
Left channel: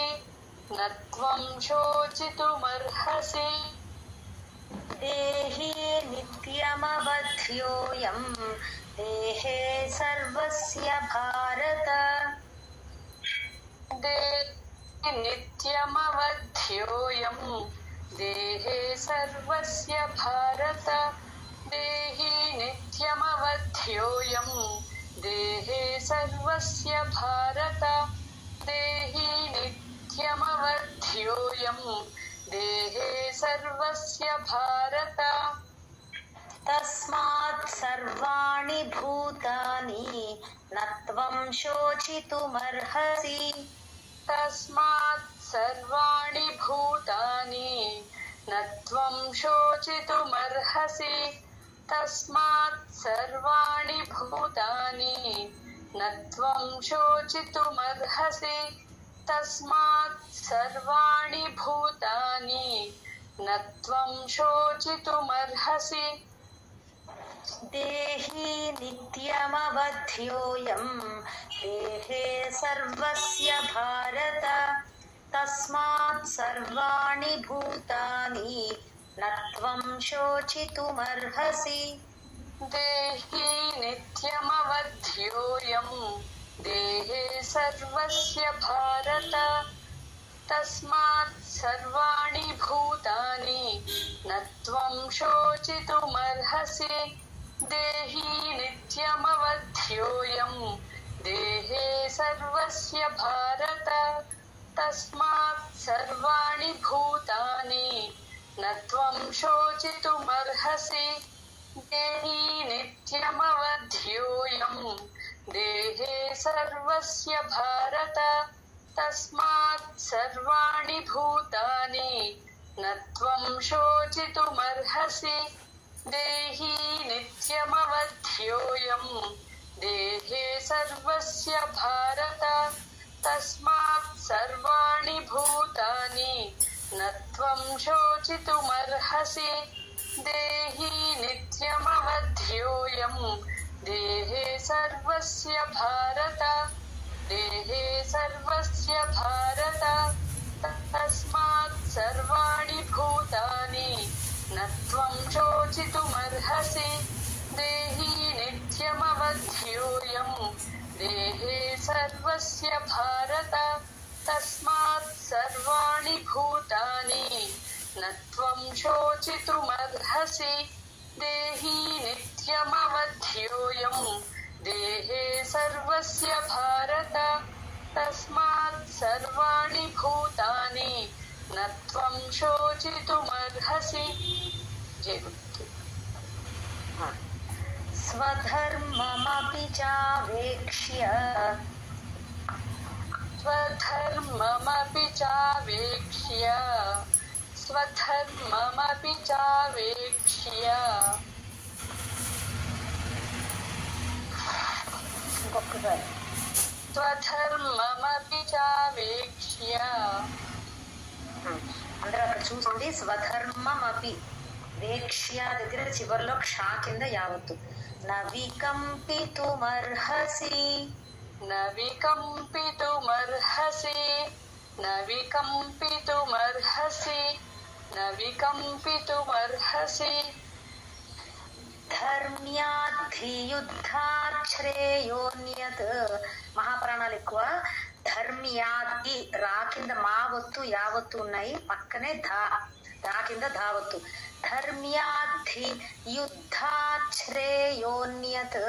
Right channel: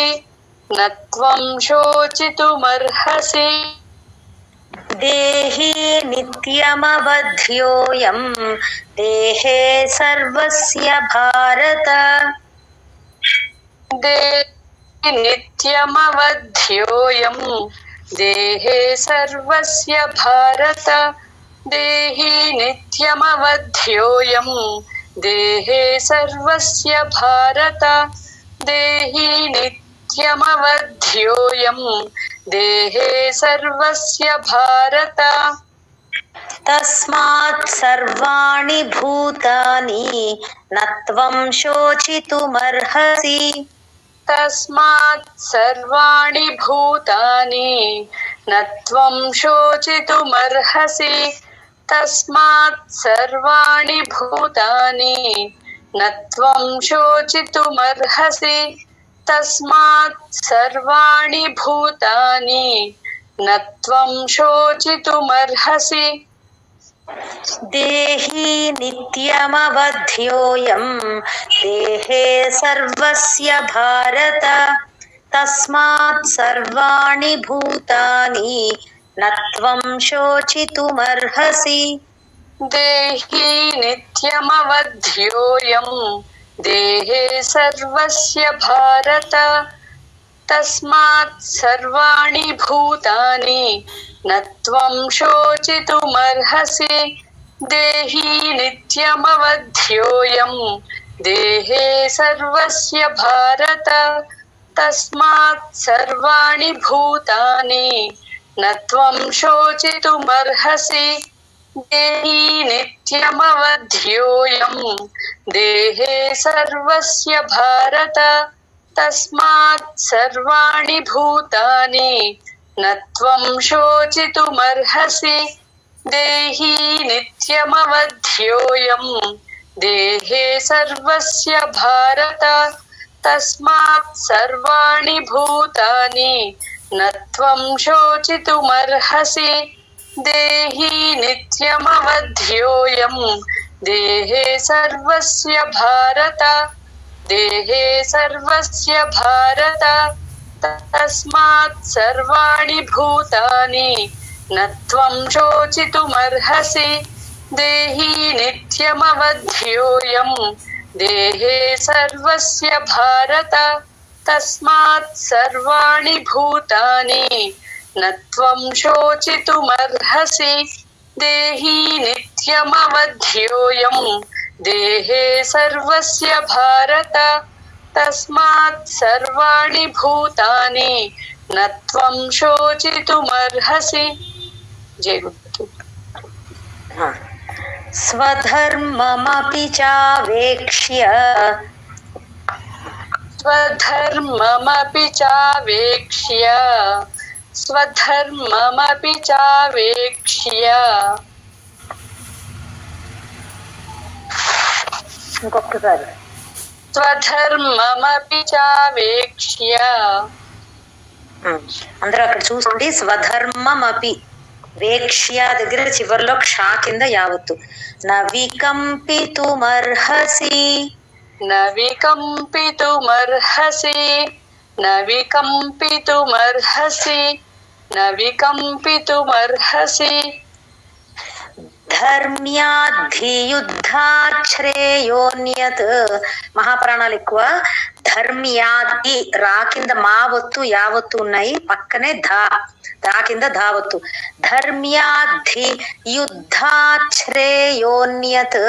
न त्वं शोचितुमर्हसि देहि नित्यमवध्योऽयं देहे सर्वस्य भारत देहि नित्यमवध्योऽयं देहे सर्वस्य भारत देहि नित्यमवध्योऽयं देहे सर्वस्य भारत देहि नित्यमवध्योऽयं देहे सर्वस्य भारत तस्मात् सर्वाणि भूतानि न त्वं शोचितुमर्हसि तस्मात् सर्वाणि भूतानि न त्वं शोचितुमर्हसि तस्मात् सर्वाणि भूतानि न त्वं शोचितुमर्हसि तस्मात् सर्वाणि भूतानि न त्वं शोचितुमर्हसि देहि नित्यमवध्योऽयं देहे सर्वस्य भारत तस्मात् सर्वाणि भूतानि न त्वं शोचितुमर्हसि देहि नित्यमवध्योऽयं देहे सर्वस्य भारत तस्मात् सर्वाणि भूतानि न त्वं शोचितुमर्हसि देहि नित्यमवध्योऽयं देहे सर्वस्य भारत तस्मात् सर्वाणि भूतानि न त्वं शोचितुमर्हसि देहि नित्यमवध्योऽयं देहे सर्वस्य भारत तस्मात् सर्वाणि भूतानि न त्वं शोचितुमर्हसि देहि नित्यमवध्योऽयं देहे सर्वस्य भारत तस्मात् सर्वाणि भूतानि न त्वं शोचितुमर्हसि देहि नित्यमवध्योऽयं देहे सर्वस्य भारत देहे सर्वस्य भारत तस्मात् सर्वाणि भूतानि न त्वं शोचितुमर्हसि देहि नित्यमवध्योऽयं देहे सर्वस्य भारत तस्मात् सर्वाणि भूतानि न त्वं शोचितुमर्हसि देहि नित्यमवध्योऽयं देहे सर्वस्य भारत तस्मात् सर्वाणि भूतानि न त्वं शोचितुमर्हसि जय गुरु स्वधर्ममपि चावेक्ष्य स्वधर्ममपि चावेक्ष्य स्वधर्ममपि चावेक्ष्य ఇంకొకసారి స్వధర్మమపి చావేక్ష్య అందరూ అక్కడ చూసుకోండి స్వధర్మమపి వేక్ష్య దగ్గర చివరిలో క్షా కింద యావత్తు నవికంపితుమర్హసి నవికంపితుమర్హసి నవికంపితుమర్హసి నవికంపితుమర్హసి ధర్మ్యాద్ధియుద్ధాశ్రేయోన్యత్ మహాప్రాణాలు ఎక్కువ ధర్మ్యాద్ది రా కింద మా వత్తు యావత్తు ఉన్నాయి పక్కనే దా కింద ధావత్తు ధర్మ్యాద్ధి యుద్ధాశ్రేయోన్యత్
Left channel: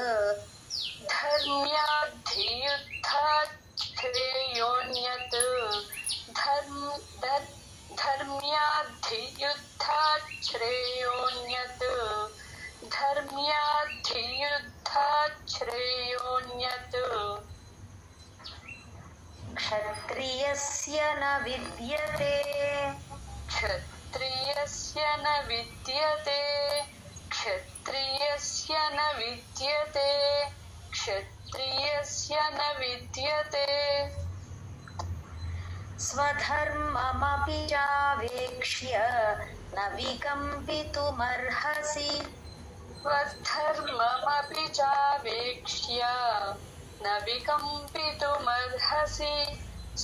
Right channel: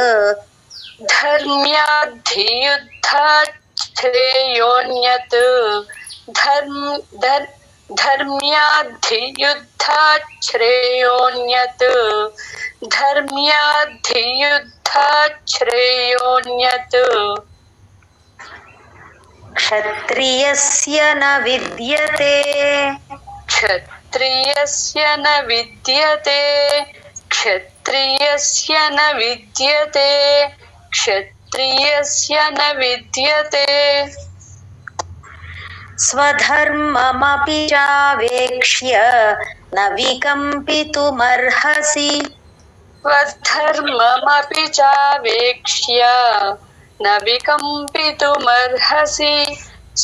ధర్మ్యాద్ధియుద్ధాశ్రేయోన్యత్ ధర్మ్యాద్ధియుద్ధాశ్రేయోన్యత్ ధర్మ్యాద్ధియుద్ధాశ్రేయోన్యత్ క్షత్రియస్య న విద్యతే క్షత్రియస్య న విద్యతే క్షత్రియస్య న విద్యతే క్షత్రియస్య న విద్యతే స్వధర్మమపి చావేక్ష్య న వికంపితుమర్హసి స్వధర్మమపి చావేక్ష్య న వికంపితుమర్హసి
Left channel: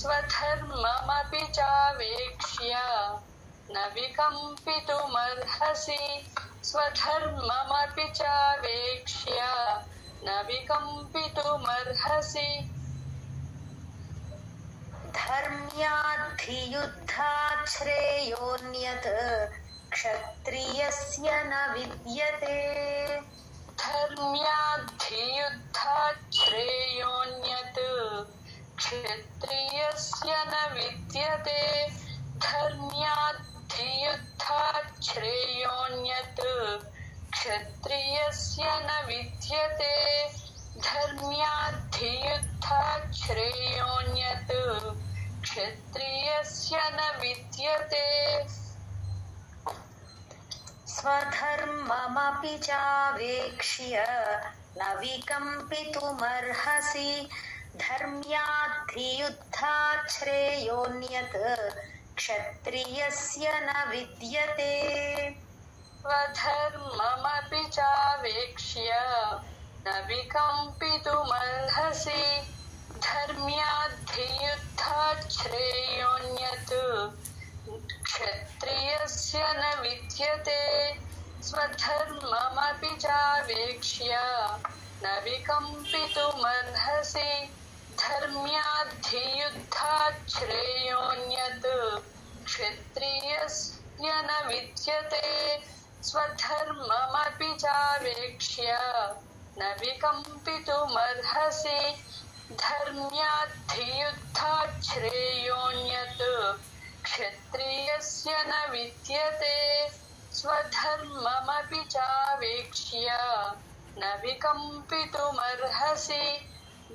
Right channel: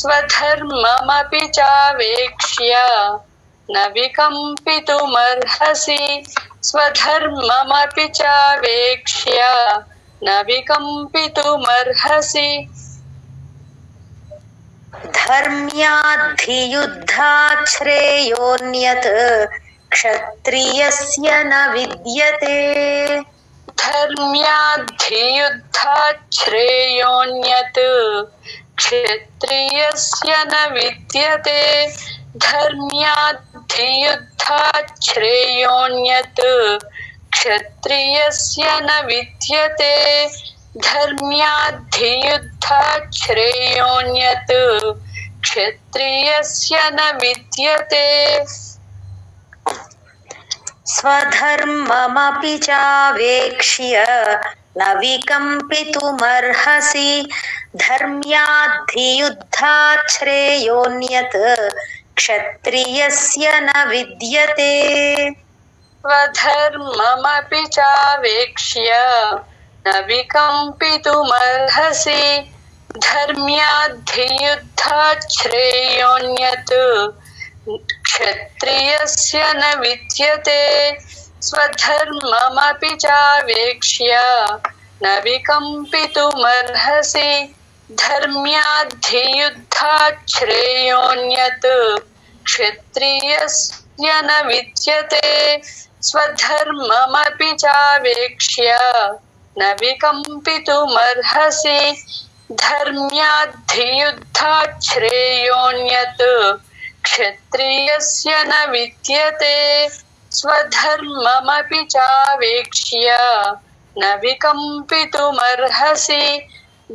స్వధర్మమపి చావేక్ష్య న వికంపితుమర్హసి స్వధర్మమపి చావేక్ష్య న వికంపితుమర్హసి ధర్మ్యాద్ధియుద్ధాత్ శ్రేయోన్యత్ క్షత్రియస్య న విద్యతే ధర్మ్యాద్ధియుద్ధాత్ శ్రేయోన్యత్ క్షత్రియస్య న విద్యతే ధర్మ్యాద్ధియుద్ధాత్ శ్రేయోన్యత్ క్షత్రియస్య న విద్యతే ధర్మ్యాద్ధియుద్ధాత్ శ్రేయోన్యత్ క్షత్రియస్య న విద్యతే స్వధర్మమపి చావేక్ష్య న వికంపితుమర్హసి ధర్మ్యాద్ధియుద్ధాత్ శ్రేయోన్యత్ క్షత్రియస్య న విద్యతే స్వధర్మమపి చావేక్ష్య న వికంపితుమర్హసి ధర్మ్యాద్ధియుద్ధాత్ శ్రేయోన్యత్ క్షత్రియస్య న విద్యతే స్వధర్మమపి చావేక్ష్య న వికంపితుమర్హసి ధర్మ్యాద్ధియుద్ధాత్ శ్రేయోన్యత్ క్షత్రియస్య న విద్యతే స్వధర్మమపి చావేక్ష్య న వికంపితుమర్హసి ధర్మ్యాద్ధియుద్ధాత్ శ్రేయోన్యత్ క్షత్రియస్య న విద్యతే స్వధర్మమపి చావేక్ష్య న వికంపితుమర్హసి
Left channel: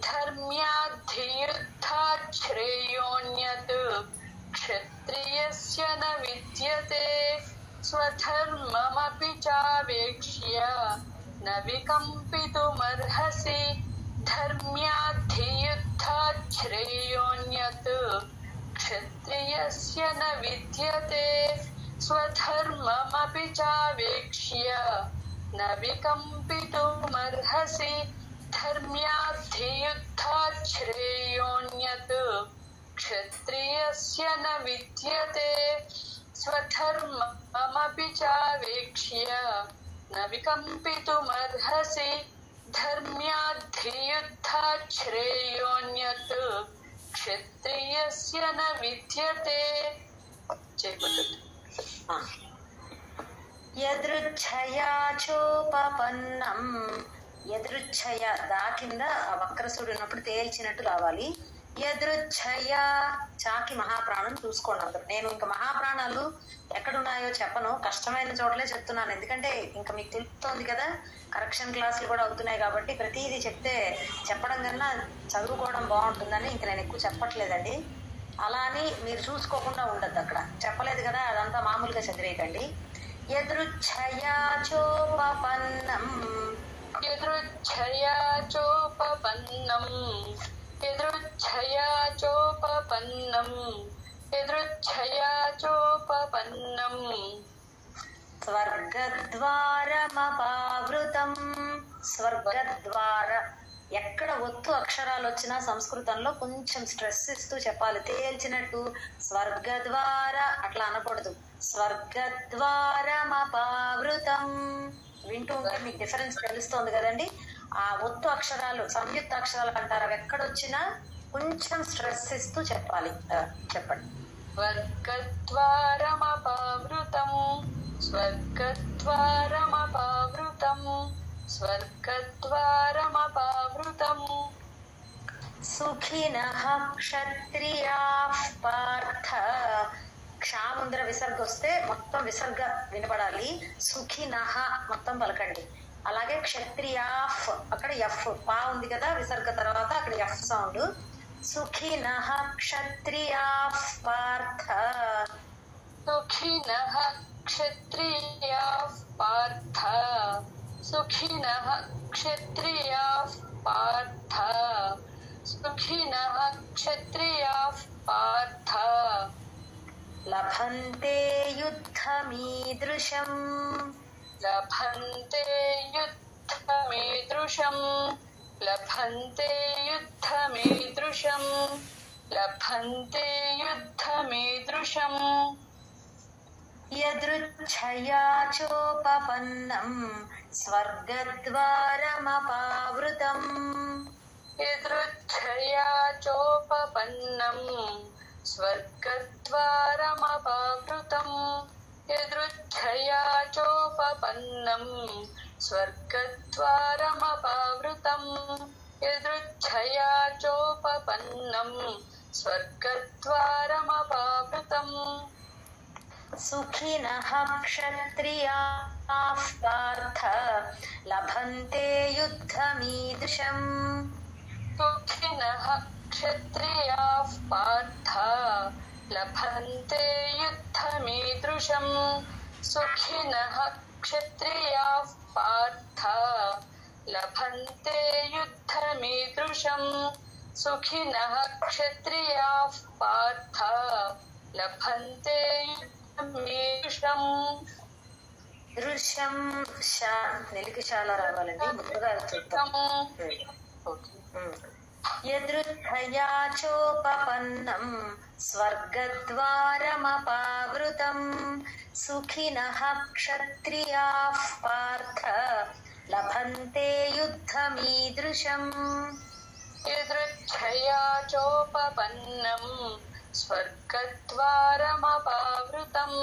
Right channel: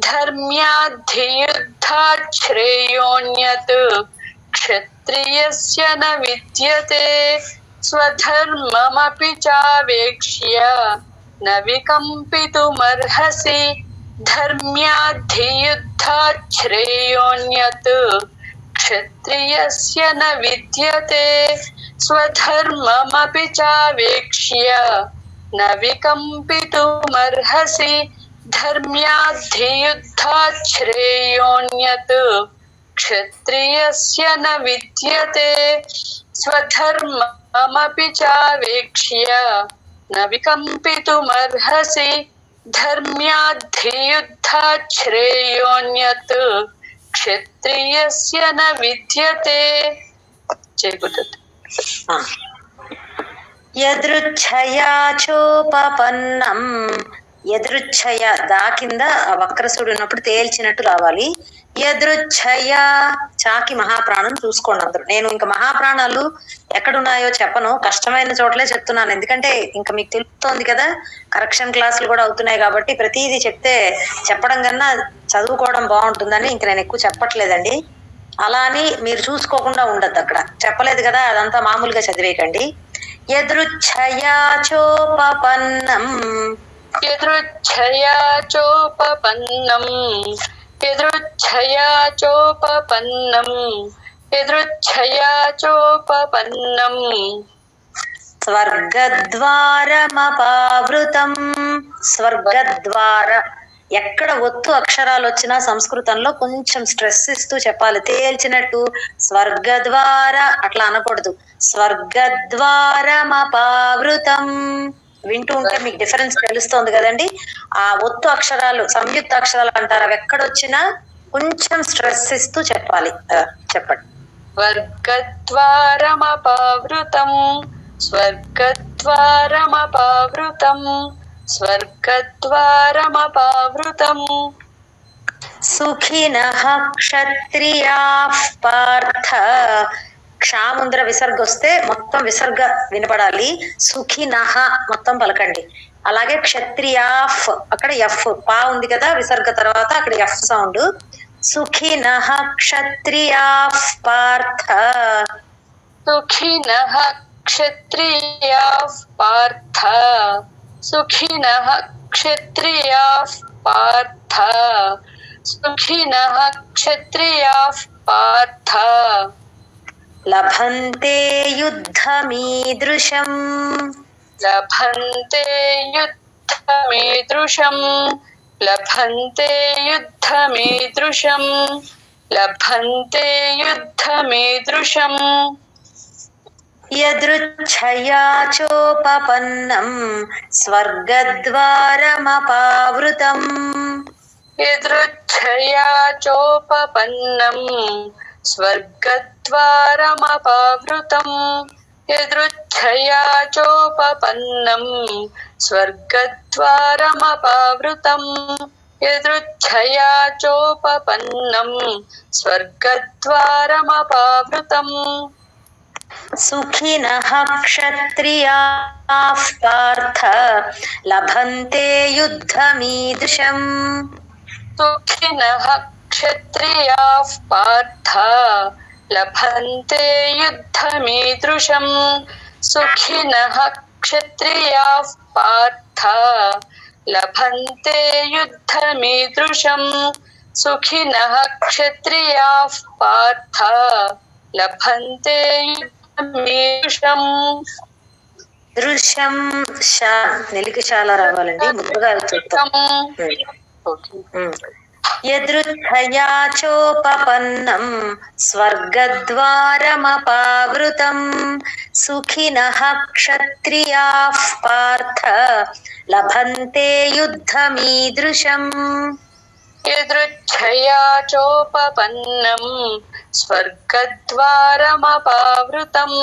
ధర్మ్యాద్ధియుద్ధాత్ శ్రేయోన్యత్ క్షత్రియస్య న విద్యతే స్వధర్మమపి చావేక్ష్య న వికంపితుమర్హసి ధర్మ్యాద్ధియుద్ధాత్ శ్రేయోన్యత్ క్షత్రియస్య న విద్యతే స్వధర్మమపి చావేక్ష్య న వికంపితుమర్హసి ధర్మ్యాద్ధియుద్ధాత్ శ్రేయోన్యత్ క్షత్రియస్య న విద్యతే స్వధర్మమపి చావేక్ష్య న వికంపితుమర్హసి ధర్మ్యాద్ధియుద్ధాత్ శ్రేయోన్యత్ క్షత్రియస్య న విద్యతే. జై గురుదత్త. యదృచ్ఛయా చోపపన్నం, యదృచ్ఛయ దా కింద ఆ వక్రసుడు ఉన్నప్పుడు తేల్చినట్టు రావాలి. యదృచ్ఛయ చాకి మహాప్రాణం చూసుకోండి అందరూ. నేను ఇంకా మహాప్రాణాలు ఎక్కడున్నాయో చెప్పను, కష్టమైన చోట్లే చెప్తున్నాను. ఎందుకంటే ఇంకా మీకు తెలుస్తోంది కదా, కరెక్షన్ క్లాసులు కూడా అవుతున్నాయి కాబట్టి ప్రతిదీ చెప్తే చెప్పడం కన్నా చదువుకోవడం బాగుంటుందని ఇంక నేను ఎక్కువ చెప్పట్లేదండి. అలా అని మీరు చూసుకోకుండా ఉండద్దు, అక్కడ చెప్పలేదు కదా అదంతా మామూలుగా చదివేయకండి. యదృచ్ఛయా చోపపన్నం, యదృచ్ఛయా చోపపన్నం, యదృచ్ఛయా చోపపన్నం, యదృచ్ఛయా చోపపన్నం. స్వర్గద్వారమపావృతం, స్వర్గద్వార ఎక్కడ ఒత్తు అక్షరాలు వచ్చినా సంస్కృతంలో కొంచెం స్ట్రెస్ ఇస్తూ చెప్పాలి, తేల్చినట్టు. స్వర్గద్వార అట్లా అనకూడదు. స్వర్గద్వారమపావృతం వింటూ ఉంటే మీకు డిఫరెన్స్ తెలుస్తోంది కదండి. ఆ ఒత్తు అక్షరాలు సంయుక్త అక్షరాలు అంటారు, అవి ఎక్కడొచ్చినా కొంచెం స్ట్రెస్ ఇస్తూ చెప్పాలి. చెప్పండి. స్వర్గద్వారమపావృతం, స్వర్గద్వారమపావృతం, స్వర్గద్వారమపావృతం. సుఖినః క్షత్రియాః పార్థ, క్షాముంద్ర విసర్గ వస్తే మొత్తం విసర్గ వినపడాలి. సుఖినః మొత్తం పలకండి. అలాగే క్షత్రియాఫ్ అక్కడ ఎఫ్ పా ఉంది కదా విసర్గ తర్వాత, అక్కడ ఎఫ్ సౌండ్. సుఖినః క్షత్రియాః పార్థ, సుఖినః క్షత్రియాః పార్థ, సుఖినః క్షత్రియాః పార్థ, సుఖినః క్షత్రియాః పార్థ. లభంతే యుద్ధమీదృశం, లభంతే యుద్ధమీదృశం లభంతే యుద్ధమీదృశం లభంతే యుద్ధమీదృశం యదృచ్ఛయా చోపపన్నం స్వర్గద్వారమపావృతం యదృచ్ఛయా చోపపన్నం స్వర్గద్వారమపావృతం యదృచ్ఛయా చోపపన్నం స్వర్గద్వారమపావృతం యదృచ్ఛయా చోపపన్నం స్వర్గద్వారమపావృతం సుఖినః క్షత్రియాః పార్థ లభంతే యుద్ధమీదృశం సుఖినః క్షత్రియాః పార్థ లభంతే యుద్ధమీదృశం సుఖినః క్షత్రియాః పార్థ లభంతే యుద్ధమీదృశం సుఖినః క్షత్రియాః పార్థ లభంతే యుద్ధమీదృశం దృశ్యం నెలికి చాలా రావాలండి ముందుగా చెప్తాం యదృచ్ఛయా చోపపన్నం స్వర్గద్వారమపావృతం సుఖినః క్షత్రియాః పార్థ లభంతే యుద్ధమీదృశం యదృచ్ఛయా చోపపన్నం స్వర్గద్వారమపావృతం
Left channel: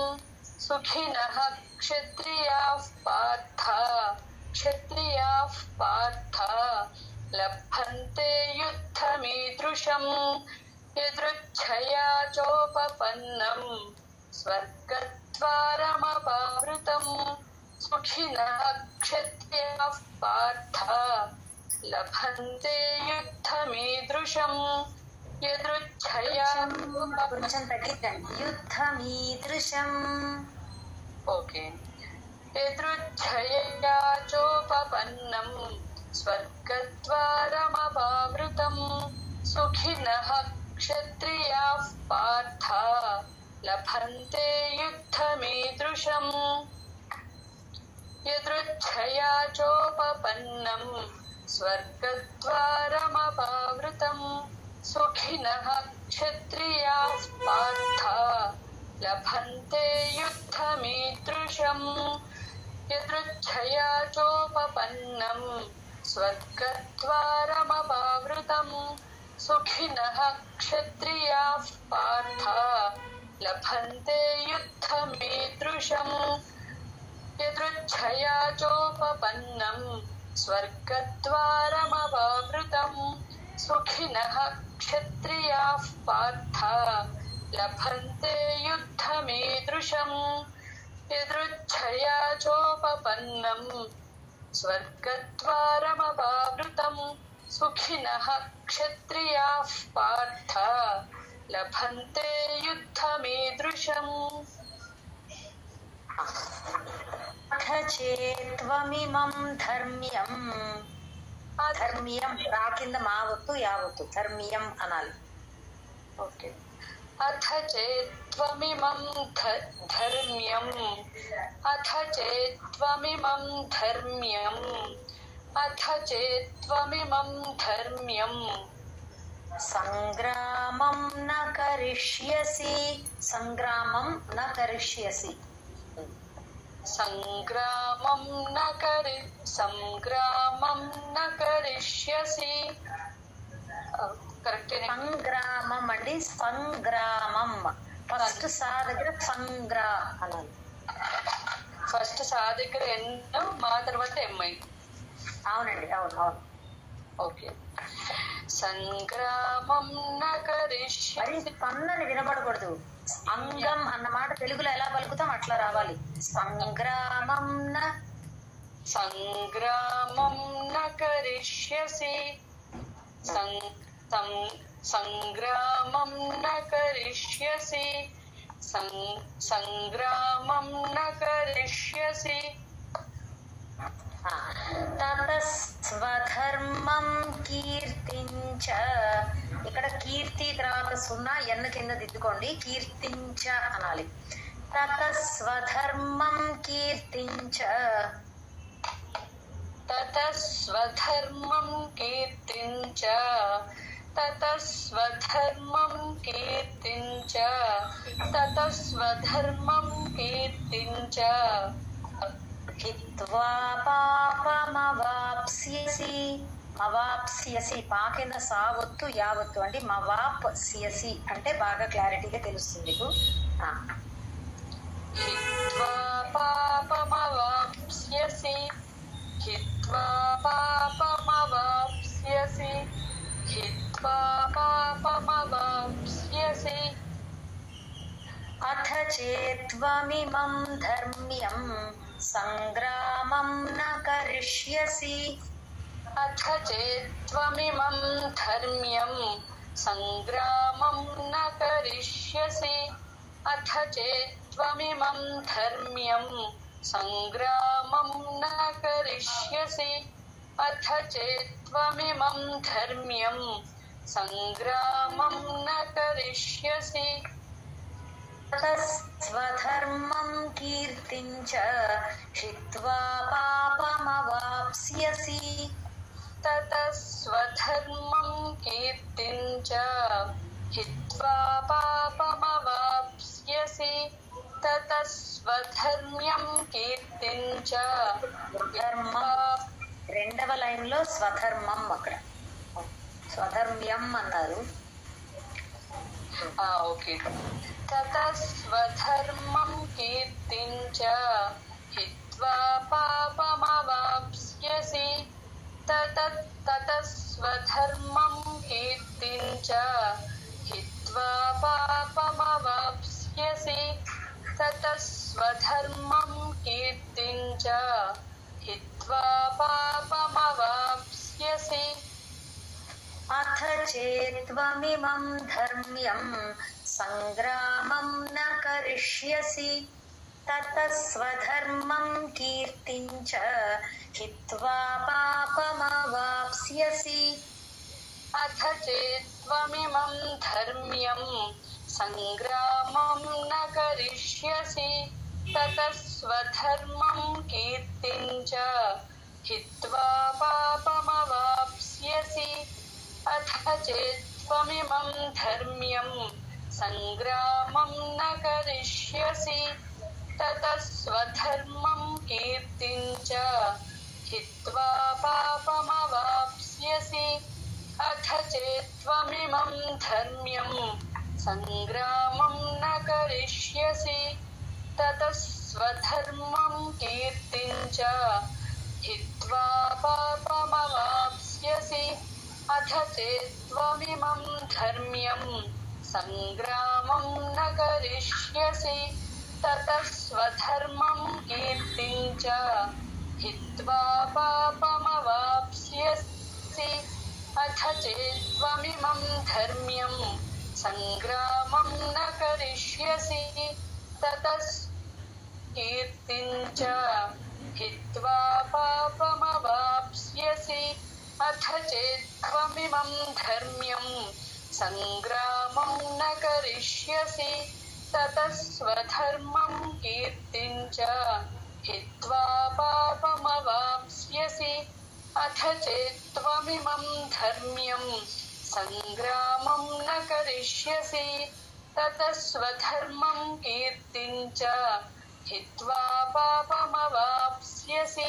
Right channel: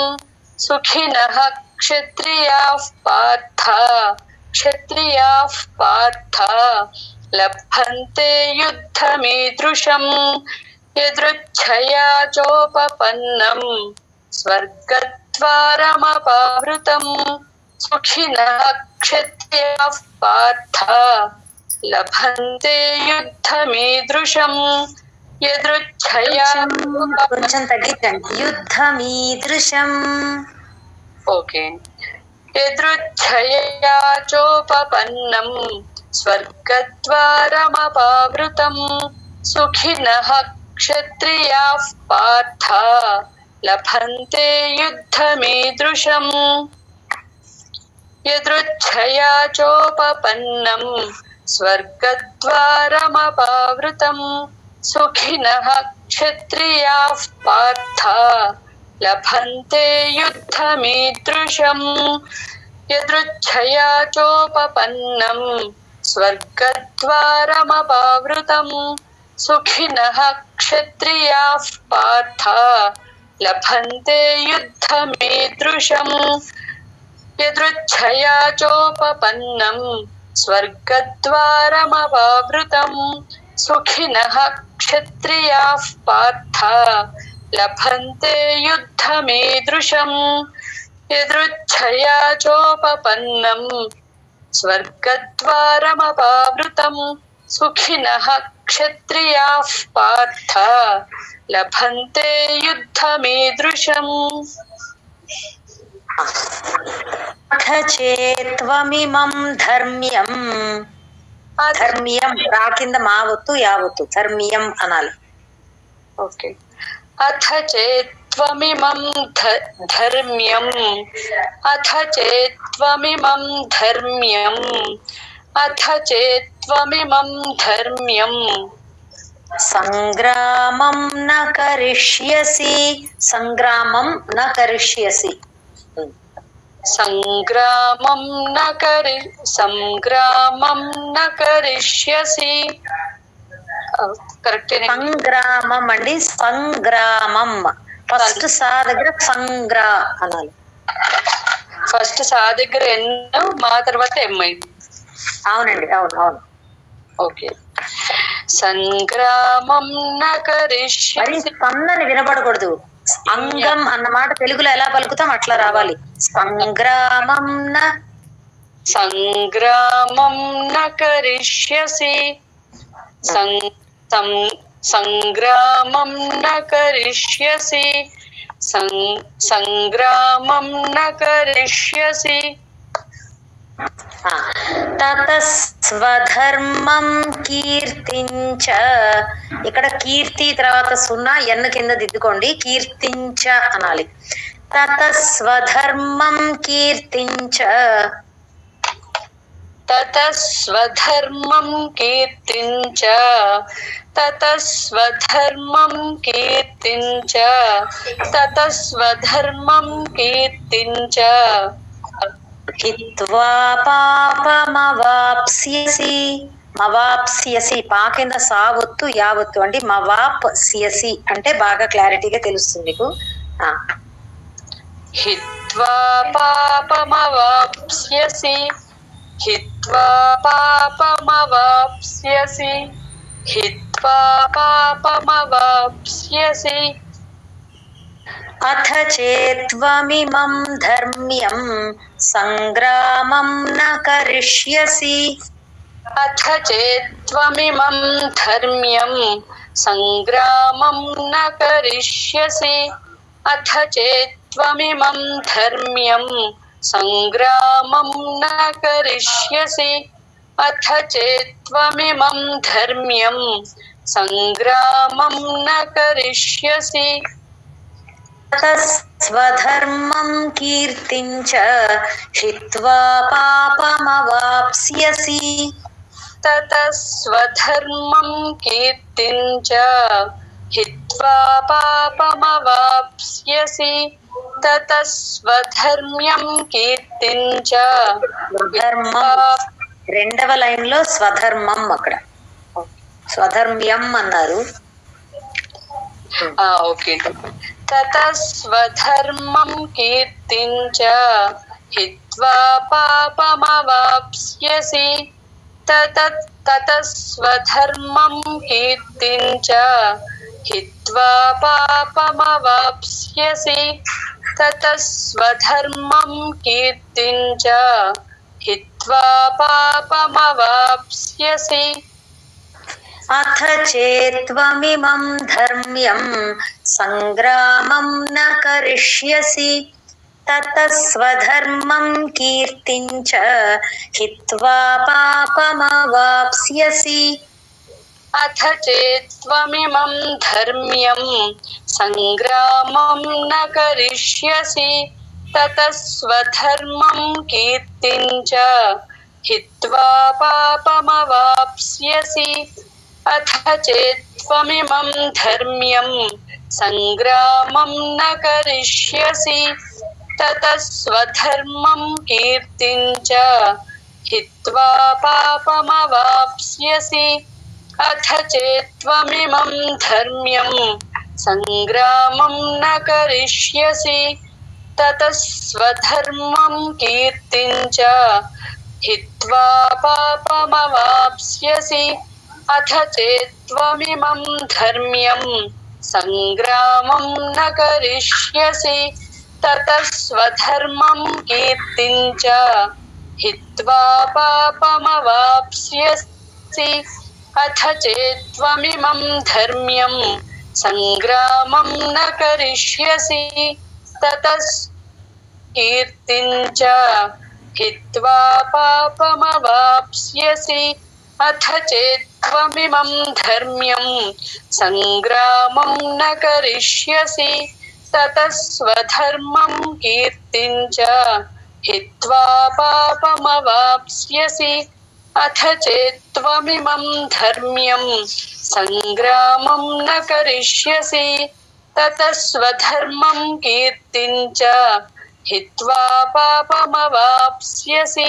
సుఖినః క్షత్రియాః పార్థ లభంతే యుద్ధమీదృశం యదృచ్ఛయా చోపపన్నం స్వర్గద్వారమపావృతం సుఖినః క్షత్రియాః పార్థ లభంతే యుద్ధమీదృశం యదృచ్ఛయా కొంచెం తగ్గించండి యుద్ధమీదృశం ఓకే యదృచ్ఛయా చోపపన్నం స్వర్గద్వారమపావృతం సుఖినః క్షత్రియాః పార్థ లభంతే యుద్ధమీదృశం యదృచ్ఛయా చోపపన్నం స్వర్గద్వారమపావృతం సుఖినః క్షత్రియాః పార్థ లభంతే యుద్ధమీదృశం యదృచ్ఛయా చోపపన్నం స్వర్గద్వారమపావృతం సుఖినః క్షత్రియాః పార్థ లభంతే యుద్ధమీదృశం యదృచ్ఛయా చోపపన్నం స్వర్గద్వారమపావృతం సుఖినః క్షత్రియాః పార్థ లభంతే యుద్ధమీదృశం యదృచ్ఛయా చోపపన్నం స్వర్గద్వారమపావృతం సుఖినః క్షత్రియాః పార్థ లభంతే యుద్ధమీదృశం అథ చేత్వమిమం ధర్మ్యం ధర్మ్యం రా కింద మావత్తు యావత్తు ధర్మ్యం అనాలి ఓకే అథ చేత్వమిమం ధర్మ్యం అథ చేత్వమిమం ధర్మ్యం అథ చేత్వమిమం ధర్మ్యం సంగ్రామం న కరిష్యసి సంగ్రామం న కరిష్యసి సంగ్రామం న కరిష్యసి కరెక్ట్ సంగ్రామం అండి సంగ్రామం ఫస్ట్ సా దగ్గర సంగ్రా అనాలి ఫస్ట్ సా దగ్గర ఎన్నో మా తర్వాత ఎమ్మైంది అవునండి అవును అవును ఓకే సంగ్రామం న మరి కరిష్యసి స్పందని వినపడకూడదు అంగం అన్నమాట తెలుగులో ఎలా పలుకుతాం అట్లా రావాలి సంగ్రామం న సంగ్రామం న కరిష్యసి సంగ్రామం న కరిష్యసి సంగ్రామం న కరిష్యసి తతస్వధర్మం కీర్తించ ఇక్కడ కీర్తి తర్వాత సున్నా ఎన్న కింద దిద్దుకోండి కీర్తించ అనాలి ततः स्वधर्मं कीर्तिं च ततः स्वधर्मं कीर्तिं च ततः स्वधर्मं कीर्तिं च ततः स्वधर्मं कीर्तिं च हित्वा పాపమవాప్స్యసి మవాప్స్యసి పా కింద సావొత్తు యావత్తు అండి మవాప్స్యసి అంటే బాగా క్లారిటీగా తెలుస్తుంది మీకు हित्वा पापमवाप्स्यसि हित्वा पापमवाप्स्यसि हित्वा पापमवाप्स्यसि अथ चेत्त्वमिमं धर्म्यं संग्रामं न करिष्यसि अथ चेत्त्वमिमं धर्म्यं संग्रामं न करिष्यसि अथ चेत्त्वमिमं धर्म्यं संग्रामं न करिष्यसि अथ चेत्त्वमिमं धर्म्यं संग्रामं न करिष्यसि स्वधर्मं कीर्तिं च हित्वा पापमवाप्स्यसि ततः स्वधर्मं कीर्तिं च हित्वा पापमवाप्स्यसि ततः स्वधर्म्यं कीर्तिं च ధర్మం రెండవ లైన్ లో స్వధర్మం అక్కడ స్వధర్మ్యం అన్నారు ఓకే ततः स्वधर्मं कीर्तिं च हित्वा पापमवाप्स्यसि ततः स्वधर्मं कीर्तिं च हित्वा पापमवाप्स्यसि ततः स्वधर्मं कीर्तिं च हित्वा पापमवाप्स्यसि अथ चेत्त्वमिमं धर्म्यं संग्रामं न करिष्यसि ततः स्वधर्मं कीर्तिं च हित्वा पापमवाप्स्यसि अथ चेत्त्वमिमं धर्म्यं संग्रामं न करिष्यसि ततः स्वधर्मं कीर्तिं च हित्वा पापमवाप्स्यसि अथ चेत्त्वमिमं धर्म्यं संग्रामं न करिष्यसि ततः स्वधर्मं कीर्तिं च हित्वा पापमवाप्स्यसि अथ चेत्त्वमिमं धर्म्यं संग्रामं न करिष्यसि ततः स्वधर्मं कीर्तिं च हित्वा पापमवाप्स्यसि अथ चेत्त्वमिमं धर्म्यं संग्रामं न करिष्यसि ततः स्वधर्मं कीर्तिं च हित्वा पापमवाप्स्यसि अथ चेत्त्वमिमं धर्म्यं संग्रामं न करिष्यसि ततः कीर्तिं च हित्वा पापमवाप्स्यसि अथ चेत्त्वमिमं धर्म्यं संग्रामं न करिष्यसि ततः स्वधर्मं कीर्तिं च हित्वा पापमवाप्स्यसि अथ चेत्त्वमिमं धर्म्यं संग्रामं न करिष्यसि ततः स्वधर्मं कीर्तिं च हित्वा पापमवाप्स्यसि।